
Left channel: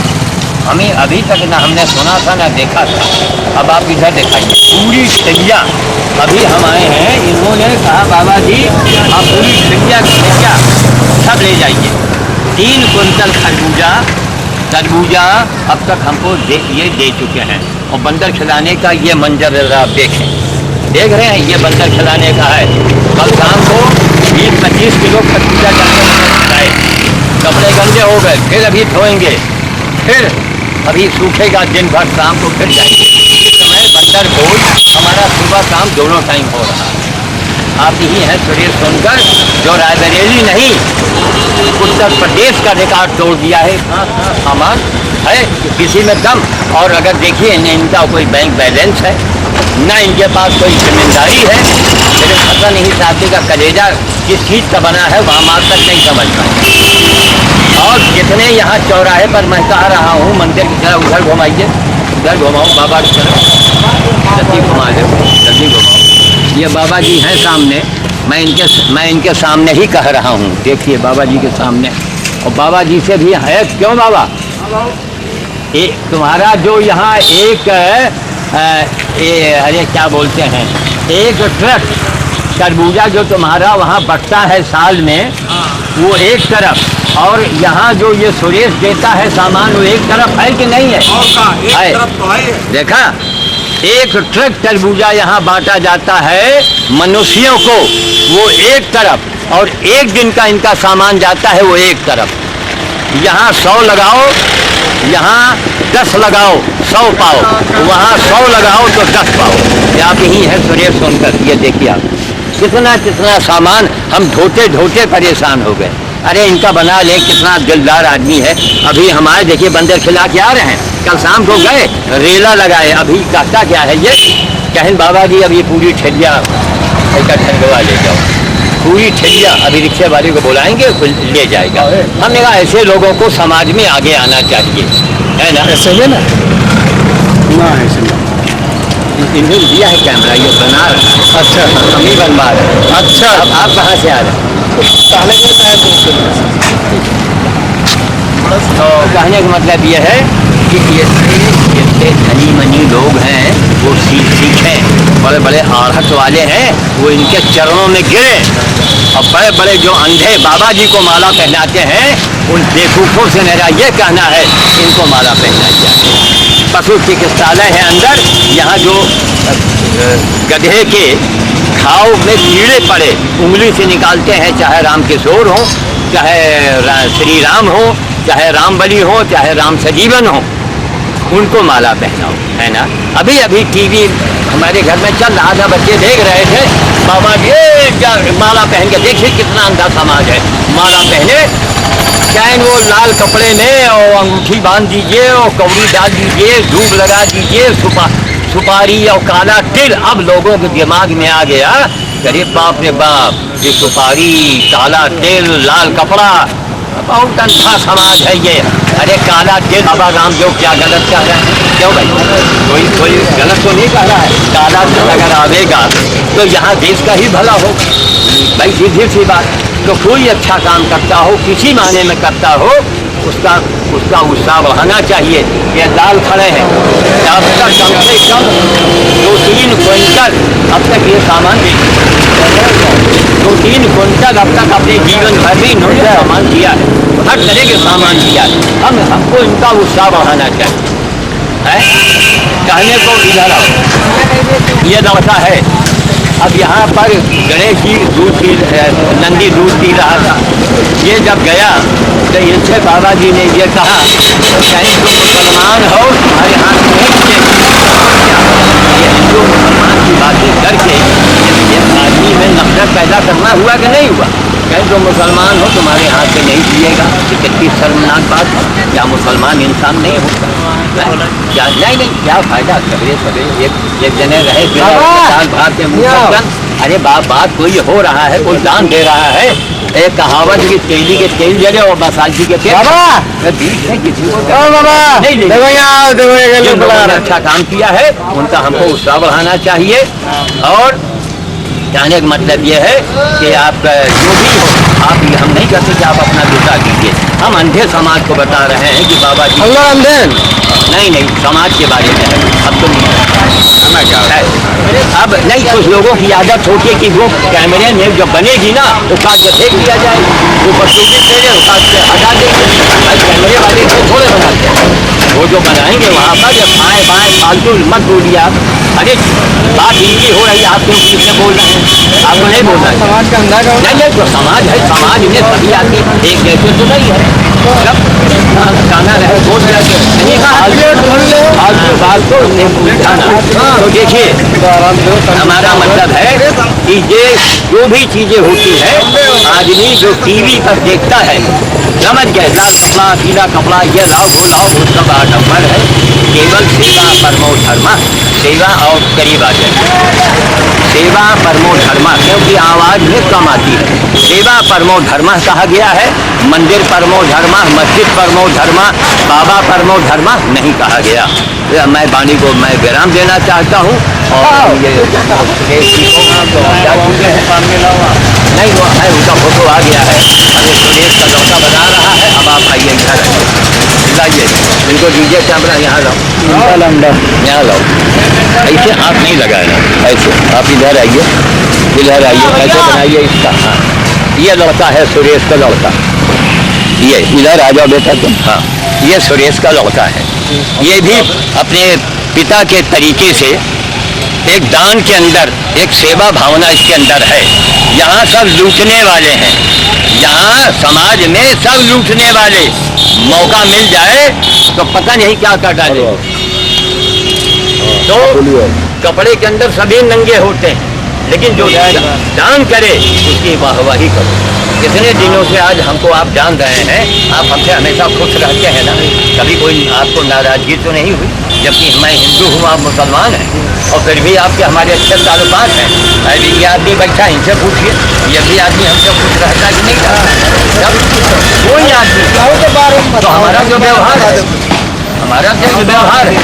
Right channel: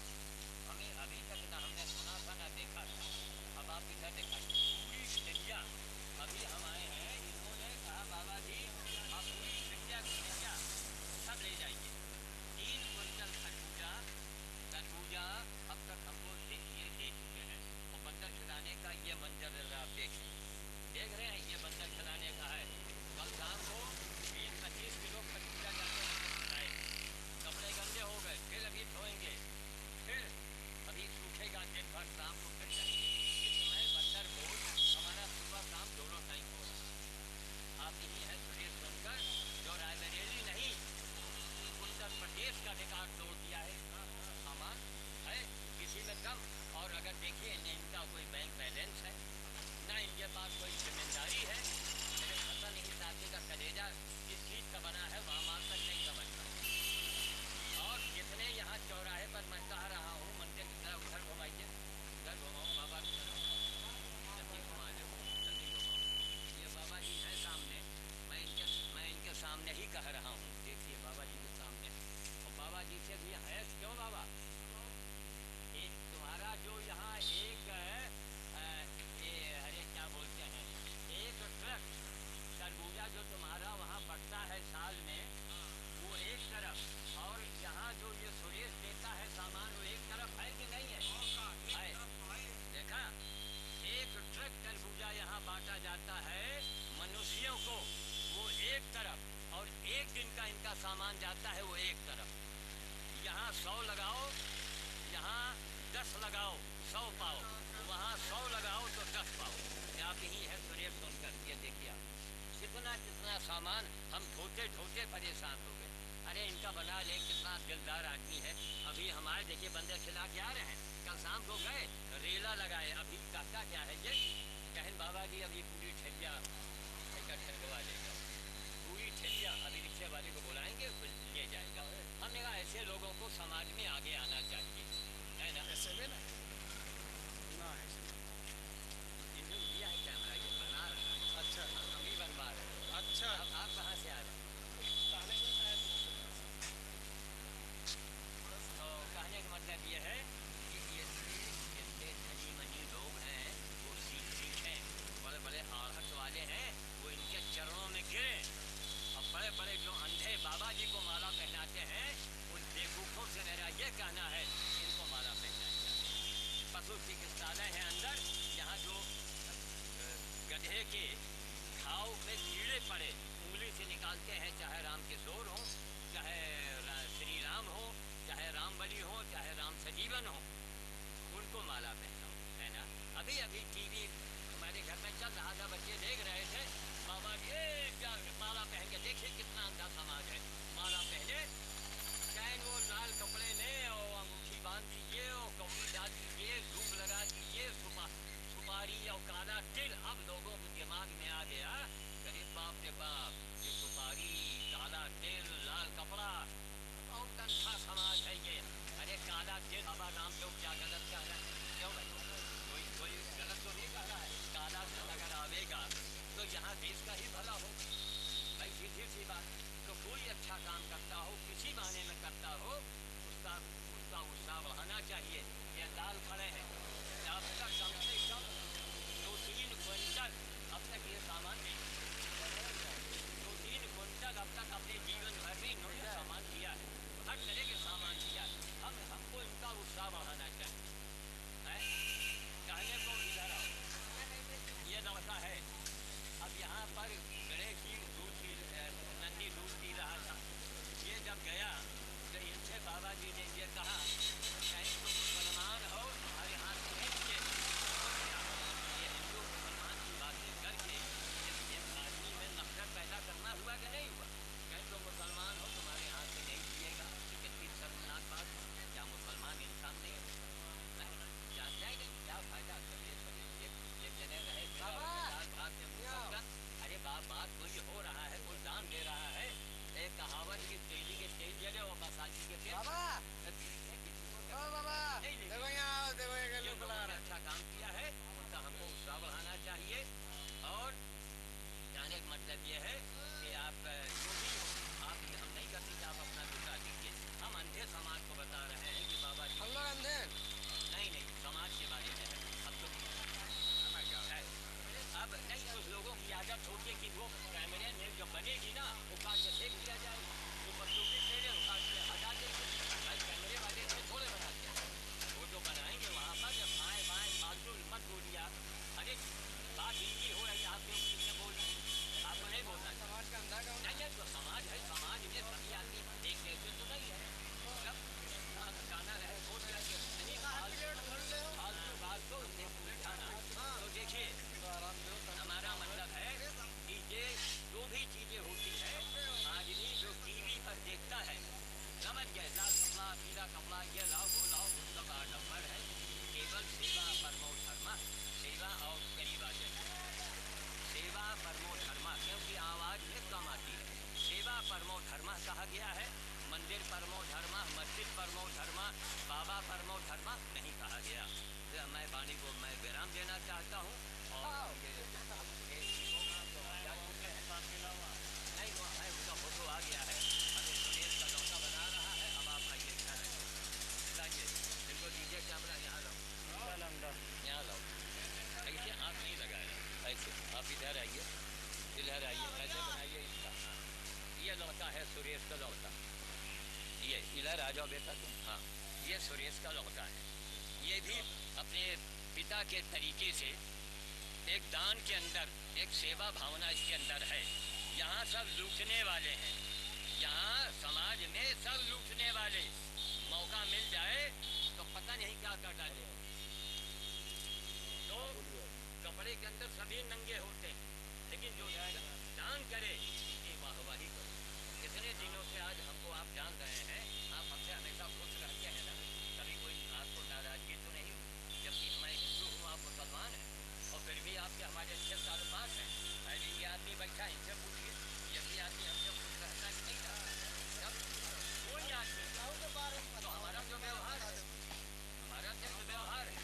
हमें अभी तक ना हमने सुना था ना देखा था। अब आप इधर दिखाइए पूरी ठेलिया, अभी हम आए हैं, इन्होंने कहा बाबा जी आप पूरी ठेलिया सब ले जाइए। 3 कुंटल तरबूजा अब तक हमको ये दे चुके हैं। और बंदर खिलाने का ये मंजर जरा आप देख रहे हैं, ये बंदर खिलाने का है। कल शाम को 20-25 किलो खरबूजा जाए, कपड़े गंदे हो गए, फिर अभी धोएंगे, फिर अभी सूखेगा, दिन भर शाम को फिर जाएंगे। इस समय बंदर भोज हमारा सुबह शाम दोनों टाइम हो रहा है। आप यही हैं सुरेश सोनकर, जो रायबरेली नहीं उत्तर प्रदेश का रिकॉर्ड तोड़ दिया है। सामान है किसी में कम, और अगर देखिए न इनका कोई बैंक बैलेंस है, ना इनके पास कोई जिम्मेदारी है। लेकिन पता नहीं साथी का कलेजा किस चीज़ का बना है, वहाँ मार तक नहीं समझ पाए। और जितने यहाँ चौराहे पर मैं कह रहा हूँ मंदिर की तरह, उधर घुमाइए, उधर घुमाओ बाबा की तरफ, जल्दी घुमा दो, जल्दी घुमाओ। ये बाबा जी हैं सामने, मैं इनके सामने ही कह रहा हूँ। देखिए बाबा जी के सामने, और बाबा जी से भी है। क्यों बाबा, तुम्हारा जो यहाँ एक अरे क्या बोलते हैं, एक ट्रक तरबूजा जो तुम्हारा वहाँ बटता है साल में, वो एक तरफ, और यहाँ जो ये सुरेश देता है सामान वो एक तरफ है कि नहीं है? है। तरफ तो है। देखा, एक ट्रक तरबूजा यहाँ बांटा जाता है मनुष्यों को, वो एक तरफ, और एक दिन का इनका सामान जाता है वो एक तरफ। यहाँ 100 लगाओ, यहाँ 10 लगाओ, 100 पाओ, वहाँ 100 लगाओ तो 10 पाओ। आप यही है सुरेश सोनकर। ये देखिए आप कितना सामान हम ढोते परेशान हो गए। अरे इनका बना ले, कितना दिलदार आदमी है। अभी हमारे देखिए बंदर खिला के आ रहे हैं, कल शाम को गए रेला लगाए। अभी कहता क्या है ये, कहें बाबा जी अब ये पूरी ठेलिया ऐसा ठंडवा ले जाओ, पूरी ठेलिया अभी रिक्शे वाले को बुलाएंगे ले जाएगा। हमने कहा ऐसे लोगों को समाज में आगे आना चाहिए, है ना? ऐसे ही ना, ऐसे ना इन्हें दिया है कैमरा, ये बना रहा है। अच्छा, हम ही बनवा रहे हैं। अच्छा, अब आप कहाँ से आ रहे हैं? तो कहने का मतलब ये है कि ये धनी मनी लोग हैं, वो सीखें, बड़े बड़े आढ़त वाले हैं, वो इनके चरणों में गिरे। और बड़े बड़े जो अंधे बाबा जी को माला पहनाते हैं, उन बेवकूफ़ों से मेरा ये कहना है इनको माला पहनाई जाए। पशु चिकित्सालय है अंदर, यहाँ जो गधे के घाव में कीड़े पड़े उंगली से निकालते हैं, चाहे राम किशोर हो, चाहे श्री राम हो, चाहे रामबली हो, चाहे राम सजीवन हो, उनको माला पहनाओ, है ना? अभी टीवी हमारे घर में चल रहा था, बच्चे देख रहे थे बाबा ये माला पहन के, देखिए कितना अंधा समाज है। माला पहने, चाहे वो लाल कपड़े में, और अंगूठी बांध दीजिए, और कौड़ी डाल दीजिए, धूप लगा दीजिए, सुपारी और काला तिल। अब लोगों के दिमाग में आ गया, अरे बाप रे बाप, ये सुपारी, काला तिल, लाल कपड़ा, बहुत अंधा समाज है ये। अरे काला तिल, बाबा रामदेव क्या गलत कह रहे हैं? क्यों भाई, कोई गलत तो नहीं कह रहा है। काला तिल अगर आवेगा तो यहाँ देश का ही भला हो भाई, सीधी सी बात। तो कोई अच्छा काम करता हो, किसी मायने में करता हो, उसका उत्साह बढ़ाना चाहिए। ये लाल खड़े हैं, अब तक कम से कम 2-3 क्विंटल अब तक ये सामान बेच, 2-3 क्विंटल अब तक अपने जीवन भर में इन्होंने सामान दिया है, हर तरह के सामान दिया है। हमको इनका उत्साह बढ़ाना चाहिए, है? कहने को इधर आओ, ये दौसा है। अब यहाँ पर गणेश जी नंदी दूध पी रहा था। ये जब गया तो इनसे बाबा जी ने ये कहा, कहीं तुम मुसलमान हो, तुम्हारे हाथ में नहीं, ये हिंदू मुसलमान की बातें करके ये आदमी में नफरत पैदा करना हुआ कि नहीं हुआ? कहीं तुम मुसलमान हो, तुम्हारे हाथ में नहीं पिएगा। कितनी शर्मनाक बात है, क्या मुसलमान इंसान नहीं होता? क्या नहीं, क्या फायदा? सवेरे एक जने रहे भाग के मुँह। अरे बात कोई हो रहा है, कोई दान दे रहा है। एक कहावत की तेली के तेल जले और मसालची के तेल बीच में किसी को नहीं। अच्छा काम किया है, उनका हमको उत्साह बढ़ाना चाहिए। और कहने का मतलब ये है कि आप जो भी हो, आप हम नहीं कहते कि आप अपना दूसरा कीजिए। हम अंधे समाज को बता रहे हैं कि बाबा जी अंधे नहीं समाज के बारे में है। अब तुम अब नहीं, कुछ लोगों की आदत होती है कि वो कैमरे में जब बनेगी ना वो काट के फेंक दिया जाए, वो बसूली दे रहे काट के हटा देंगे। कैमरे वाले तो थोड़े बनाते हैं, वो जो बनाएंगे वहाँ पर जब बाएँ बाएँ फालतू मत बोलिए आप। अरे बात इनकी हो रही है, आप क्यों किसने बोल रहे हैं? आपको नहीं बोलना है। समाज का अंधा नहीं जो समाज है, समाज में सभी आदमी एक जैसे तो नहीं है। जब गाना रहे बोल बात को उठाना। तो देखिए हमारा मतलब है कि ये जो भी चीजें होती है, आदमी जो टीवी पर देखता है समझ गए, लाल कपड़ा पीला कपड़ा ये लाओ वो सब आडम्बर है। केवल सेवा परमो धर्मा, सेवा और करीब आ जाए। सेवा परमो धर्मा क्योंकि आवाज में कम आती है। सेवा परमो धर्मा कहा गया है, मंदिर परमो धर्मा, मस्जिद परमो धर्मा, बाबा परमो धर्मा नहीं कहा गया। मैं वाणी को मैं विराम देना चाहता हूँ और ये नहीं वो है, उनका फोटो आ गया है। अभी सुरेश का लौटा बना रहा है। अब आप आइए इधर लाइए, इनको दीजिए कैमरा, यहाँ लाओ, यहाँ लाओ। ऐसे हाथ नहीं लगाना, ऐसे आप इधर आइए, इधर आइए, ऐसे बनाइए इसका। हाँ ये लड़का है सुरेश का लड़का, ये इधर आ जाओ बेटा तुम। हाँ ये सुरेश का लड़का है। ये भी अपने पिता के तरीके से एक दान के अंदर एक सेवा भावना इसके अंदर है। यहाँ सब लूटने वाले हैं, यहाँ समाज में सब लूटने वाले, मौका मिल जाए तो पता नहीं क्या कर डाले। तो कपड़े के अंदर सभी नंगे होते हैं, लेकिन जो दान करे उसकी वाहवाही करो। कितने दिनों से आज हमको आप जान रहे हैं, आप हमसे हमेशा खुश रहते हैं ना, कभी कोई आपको नाराजगी तो नहीं हुई? जबकि मैं हिंदू हूँ, आप मुसलमान हैं, और फिर भी आपके हमारे अच्छे ताल्लुकात हैं। अभी ये आदमी बैठा इनसे पूछिए, ये भी आदमी हमसे खुश रहता कि नहीं रहता? जब कोई आदमी तो हमारा जो व्यवहार है, हमारा जो व्यवहार है,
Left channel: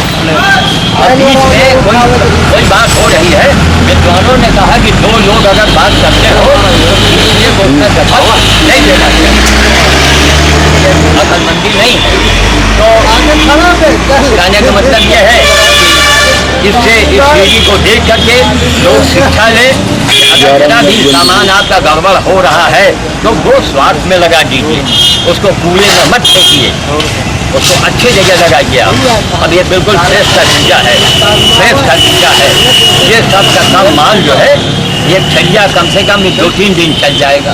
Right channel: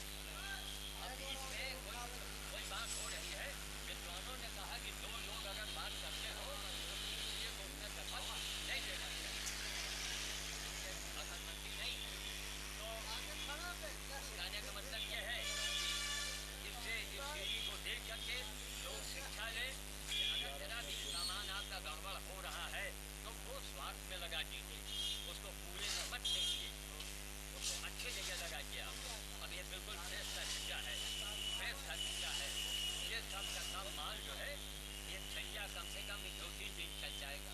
और बीच में कोई बात हो रही है, विद्वानों ने कहा कि दो लोग अगर बात करते हो तो नहीं देना चाहिए, अकलमंदी नहीं है। तो कहने का मतलब यह है कि इससे इस पीढ़ी को देख करके लोग शिक्षा ले। अगर जितना भी सामान आपका गड़बड़ हो रहा है तो वो स्वार्थ में लगा दीजिए, उसको कूड़े में मत फेंकिए, उसको अच्छी जगह लगाइए आप। अब ये बिल्कुल फ्रेश खरबूजा है, फ्रेश खरबूजा है। ये सब का सब माल जो है ये छलिया कम से कम 2-3 दिन चल जाएगा।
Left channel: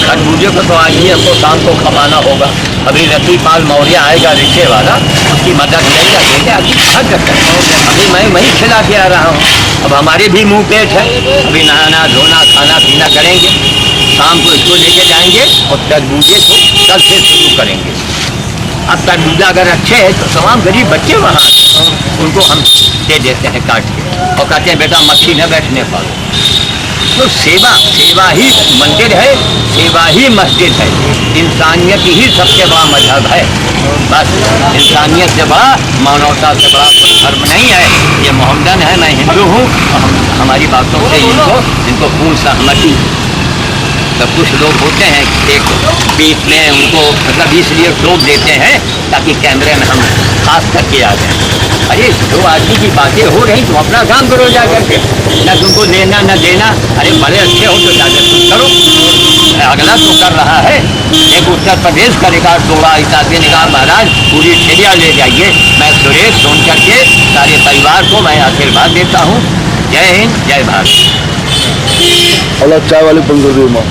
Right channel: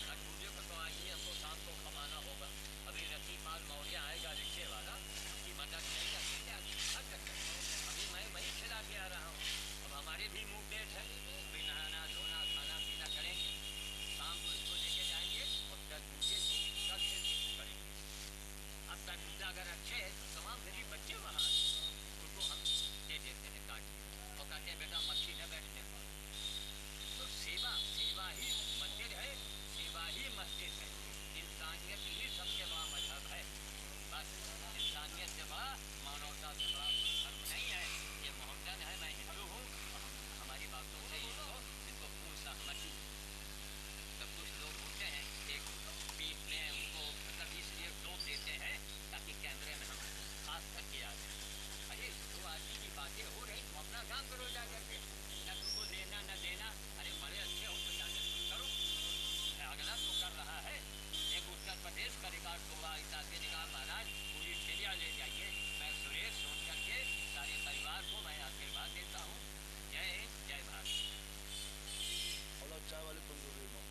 खरबूजे को तो आज ही हमको शाम को खपाना होगा। अभी रतिपाल मौर्य आएगा रिक्शे वाला, उसकी मदद लेगा, देगा, अभी थक सकते हैं। अभी मैं वहीं खिला के आ रहा हूँ। अब हमारे भी मुँह पेट है, अभी नहाना धोना खाना पीना करेंगे, शाम को इसको लेके जाएंगे और तरबूजे को कल से शुरू करेंगे। अब तरबूजा अगर अच्छे हैं तो तमाम गरीब बच्चे वहाँ उनको हम दे देते हैं काट के, और कहते हैं बेटा मक्खी न बैठने पाओ। तो सेवा ही मंदिर है, सेवा ही मस्जिद है। इंसानियत ही सबसे बड़ा मजहब है। बस इंसानियत से बड़ा, मानवता से बड़ा कोई धर्म नहीं है। ये मोहम्मदन है, मैं हिंदू हूँ, हमारी बातों से इनको पूर्ण सहमति। तो कुछ लोग होते हैं एक बीच में उनको मतलब इसलिए टोक देते हैं ताकि कैमरे में हम खास करके आ जाएं। अरे जो आदमी की बातें हो रही तुम अपना काम करो जा करके, न तुमको लेना न देना। अरे बड़े अच्छे हो तो जाकर कुछ करो, अगला तो कर रहा है। एक उत्तर प्रदेश का रिकॉर्ड तोड़ा इस आदमी ने कहा महाराज पूरी ठेलिया ले जाइए। मैं सुरेश फोन करके सारे परिवार को मैं आशीर्वाद देता हूँ। जय हिंद, जय भारत। अलग चाय वाली बंद कर दी माँ,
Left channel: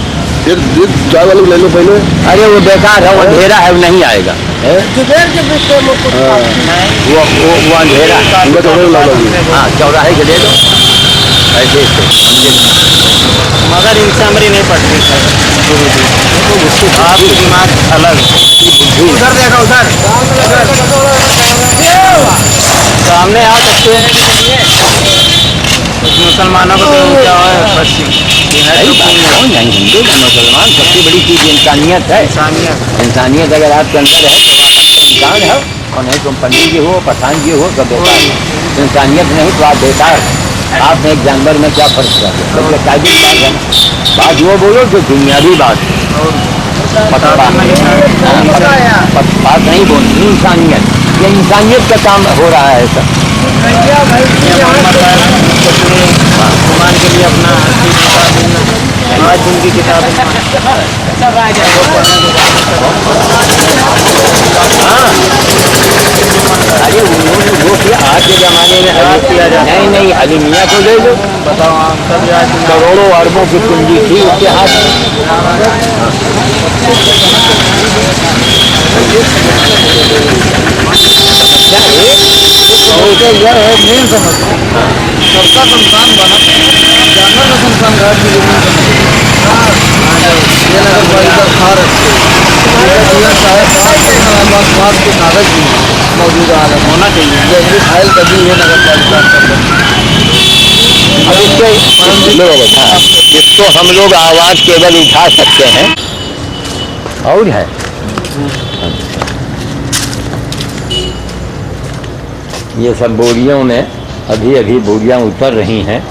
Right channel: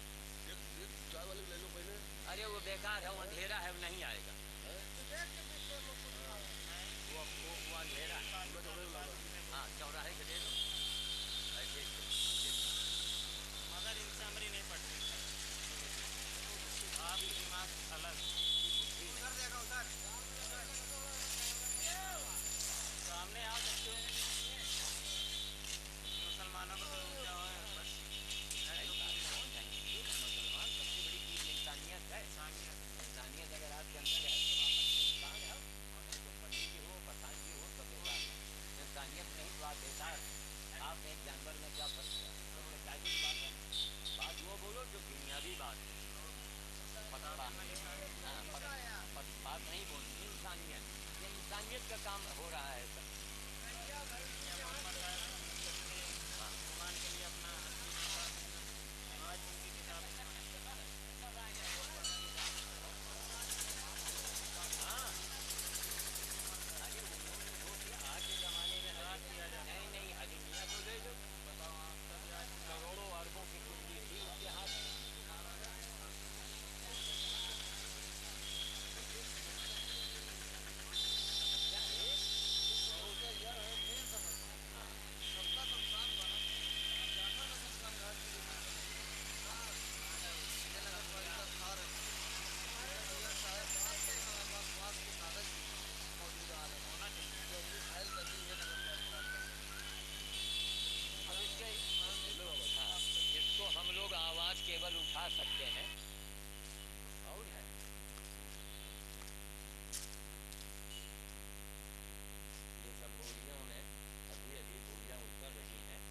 एक चाय वाले ले लो पहले। अरे वो बेकार है, वो अंधेरा है, वो नहीं आएगा। वो अंधेरा हाँ चौराहे के ले लो ऐसे मगर इनसे हमारी नहीं पड़ती आपकी दिमाग अलग। उधर देखो, उधर सामने आ सकते हैं। कुछ मुसलमानों को तो क्या है कौन है हिंदू या मुसलमान, सबसे बड़ी चीज इंसानियत है। इंसानियत अगर आपके अंदर है तो आप इंसान है, और नहीं तुम पंडित जी हो, पठान जी हो, सब बेकार है। इंसानियत नहीं तो आप बेकार आप एक जानवर में क्या फर्क है? सबसे काबिल बात है ना, बात वो बोलो जो दुनियावी बात है। पक्षपात नहीं बोलती, इंसानियत, ये इंसानियत का काम हो रहा है सर। भगवान के लिए अपना आज उनकी किताब हाँ, अरे उन्होंने वो किया आज के ज़माने में किया जाए। नहीं अली मियाँ को ले लो, बताओ आप सब आज करोड़ों अरबों की पूंजी थी उसके हाथ में। समस्या यह है, मेन समस्या सबका संस्थान बना, जानवर का संस्थान घाट की जमीन ये नगर पालिका खा रखी स्वाद के कागज भी मौजूद होना चाहिए, जैसे फाइल कभी ये नगर पालिका अब इसको हम लोग आवाज़ केवल उठा सकते हैं और है। ये सब बोरियों में अभी बोरियां उतर रही हैं।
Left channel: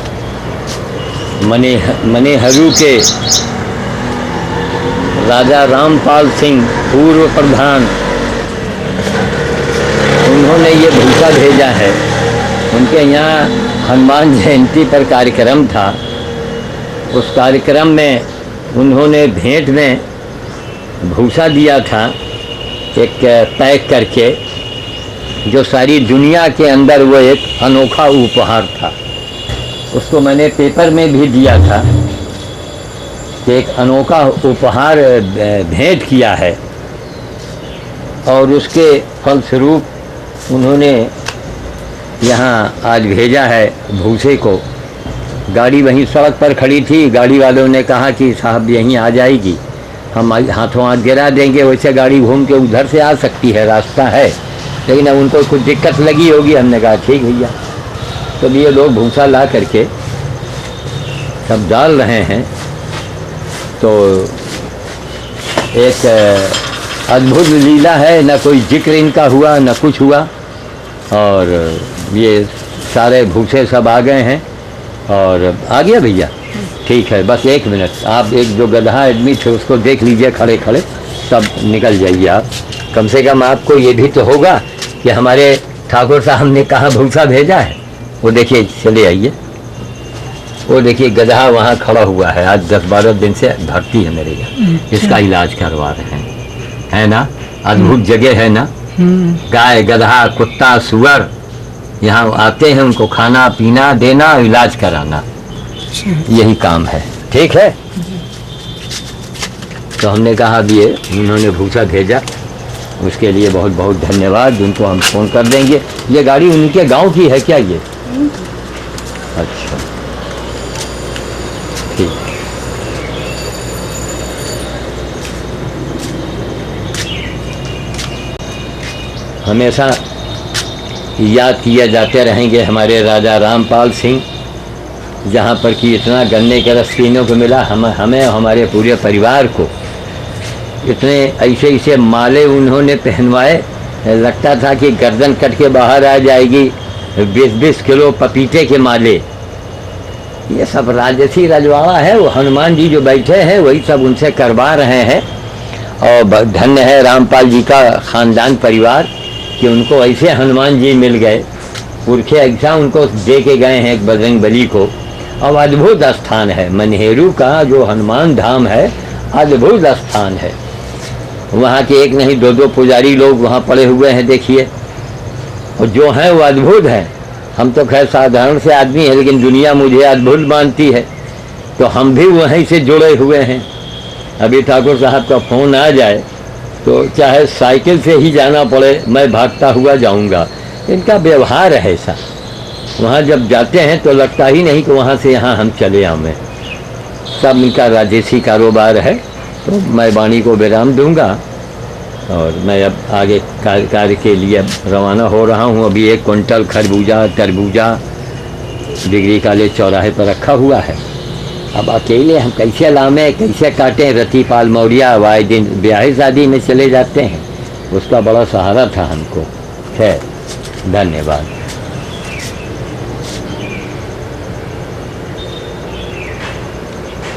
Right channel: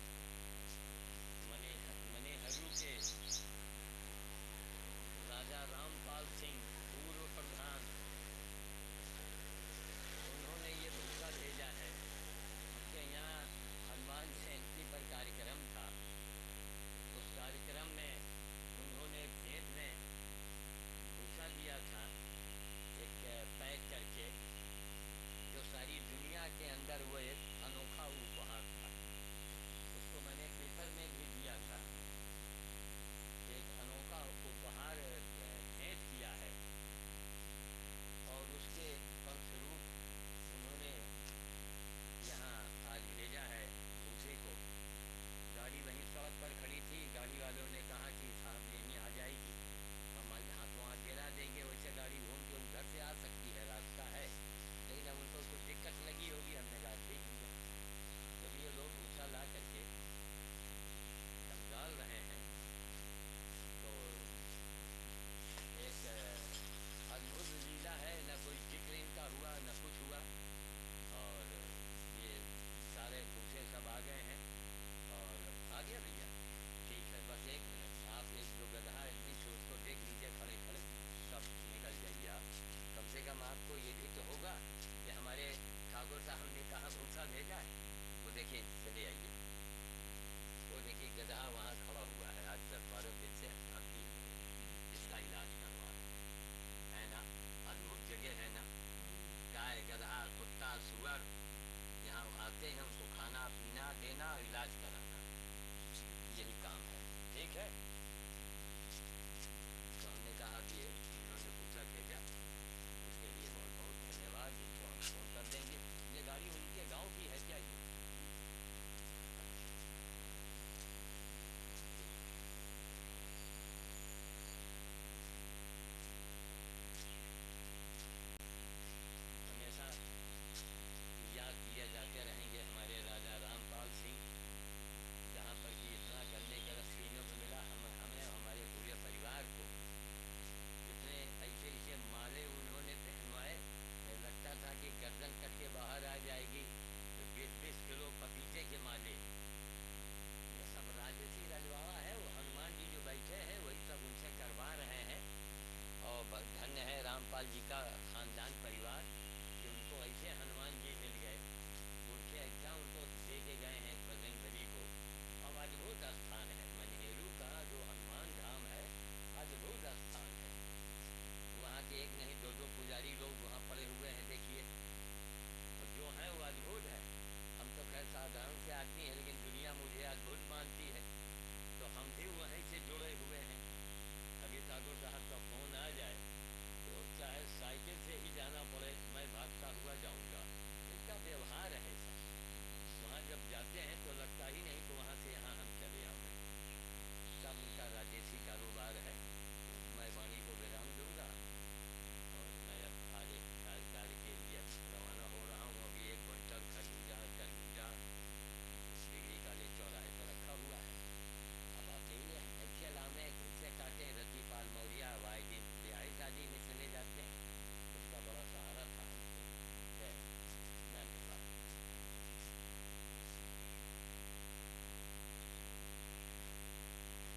मनेहरू के राजा रामपाल सिंह पूर्व प्रधान, उन्होंने ये भूसा भेजा है। उनके यहाँ हनुमान जयंती पर कार्यक्रम था, उस कार्यक्रम में उन्होंने भेंट में भूसा दिया था एक पैक करके, जो सारी दुनिया के अंदर वो एक अनोखा उपहार था। उसको मैंने पेपर में भी दिया था कि एक अनोखा उपहार भेंट किया है, और उसके फलस्वरूप उन्होंने यहाँ आज भेजा है भूसे को। गाड़ी वहीं सड़क पर खड़ी थी, गाड़ी वालों ने कहा कि साहब यहीं आ जाएगी, हम हाथों हाथ गिरा देंगे, वैसे गाड़ी घूम के उधर से आ सकती है, रास्ता है, लेकिन अब उनको कुछ दिक्कत लगी होगी। हमने कहा ठीक भैया। तो ये लोग भूसा ला करके सब डाल रहे हैं। तो एक अद्भुत लीला है, न कोई जिक्र इनका हुआ न कुछ हुआ, और ये सारे भूसे सब आ गए हैं। और आ गया भैया, ठीक है, बस 1 मिनट, आप एक जो गधा आदमी थे उसको देख लीजिए खड़े खड़े, सब निकल जाइए आप। कम से कम आपको ये भी तो होगा कि हमारे ठाकुर साहब ने कहाँ भूसा भेजा है। वो देखिए, चले आइए, वो देखिए गधा वहाँ खड़ा हुआ है, आज 10-12 दिन से भर्ती है मेरे यहाँ, इसका इलाज करवा रहे हैं, है ना। अद्भुत जगह है ना। गाय, गधा, कुत्ता, सुअर यहाँ आते हैं, उनको खाना पीना देना, इलाज कराना, यही काम है। ठीक है। तो हमने कहा अब ये उन्होंने भूसा भेजा, उसके लिए बहुत बहुत धन्यवाद। उनको हम फ़ोन कर देंगे। ये गाड़ी उनके गांव की है क्या ये? अच्छा, ठीक। हमेशा याद किया जाते रहेंगे हमारे राजा रामपाल सिंह, जहाँ पर कि इतना गन्ने का रस पीने को मिला हमें हमारे पूरे परिवार को। इतने ऐसे माले उन्होंने पहनवाए, लगता था कि गर्दन कट के बाहर आ जाएगी। 20-20 किलो पपीते के माले, ये सब राजसी रजवाड़ा है। वो हनुमान जी जो बैठे हैं वही सब उनसे करवा रहे हैं। और धन्य है रामपाल जी का ख़ानदान परिवार कि उनको ऐसे हनुमान जी मिल गए, पुरखे ऐसा उनको दे के गए हैं एक बजरंग बली को। अब अद्भुत स्थान है मनेहरू का, जो हनुमान धाम है, अद्भुत स्थान है। वहाँ के एक नहीं 2-2 पुजारी लोग वहाँ पड़े हुए हैं, देखिए, और जो हैं वो अद्भुत हैं। हम तो खैर साधारण से आदमी हैं, लेकिन दुनिया मुझे अद्भुत मानती है, तो हम भी वहीं से जुड़े हुए हैं। अभी ठाकुर साहब का फ़ोन आ जाए तो चाहे साइकिल से ही जाना पड़े, मैं भागता हुआ जाऊंगा। इनका व्यवहार है ऐसा। वहाँ जब जाते हैं तो लगता ही नहीं कि वहाँ से यहाँ हम चले आवें। सब इनका राजसी कारोबार है। तो मैं वाणी को विराम दूंगा और मैं अब आगे कार्य के लिए रवाना हो रहा हूँ। अभी 1 क्विंटल खरबूजा तरबूजा डिग्री कॉलेज चौराहे पर रखा हुआ है। अब अकेले हम कैसे लामें, कैसे काटें। रतिपाल मौर्य वाए दिन ब्याह शादी में चले जाते हैं, उसका बड़ा सहारा था हमको। खैर, धन्यवाद।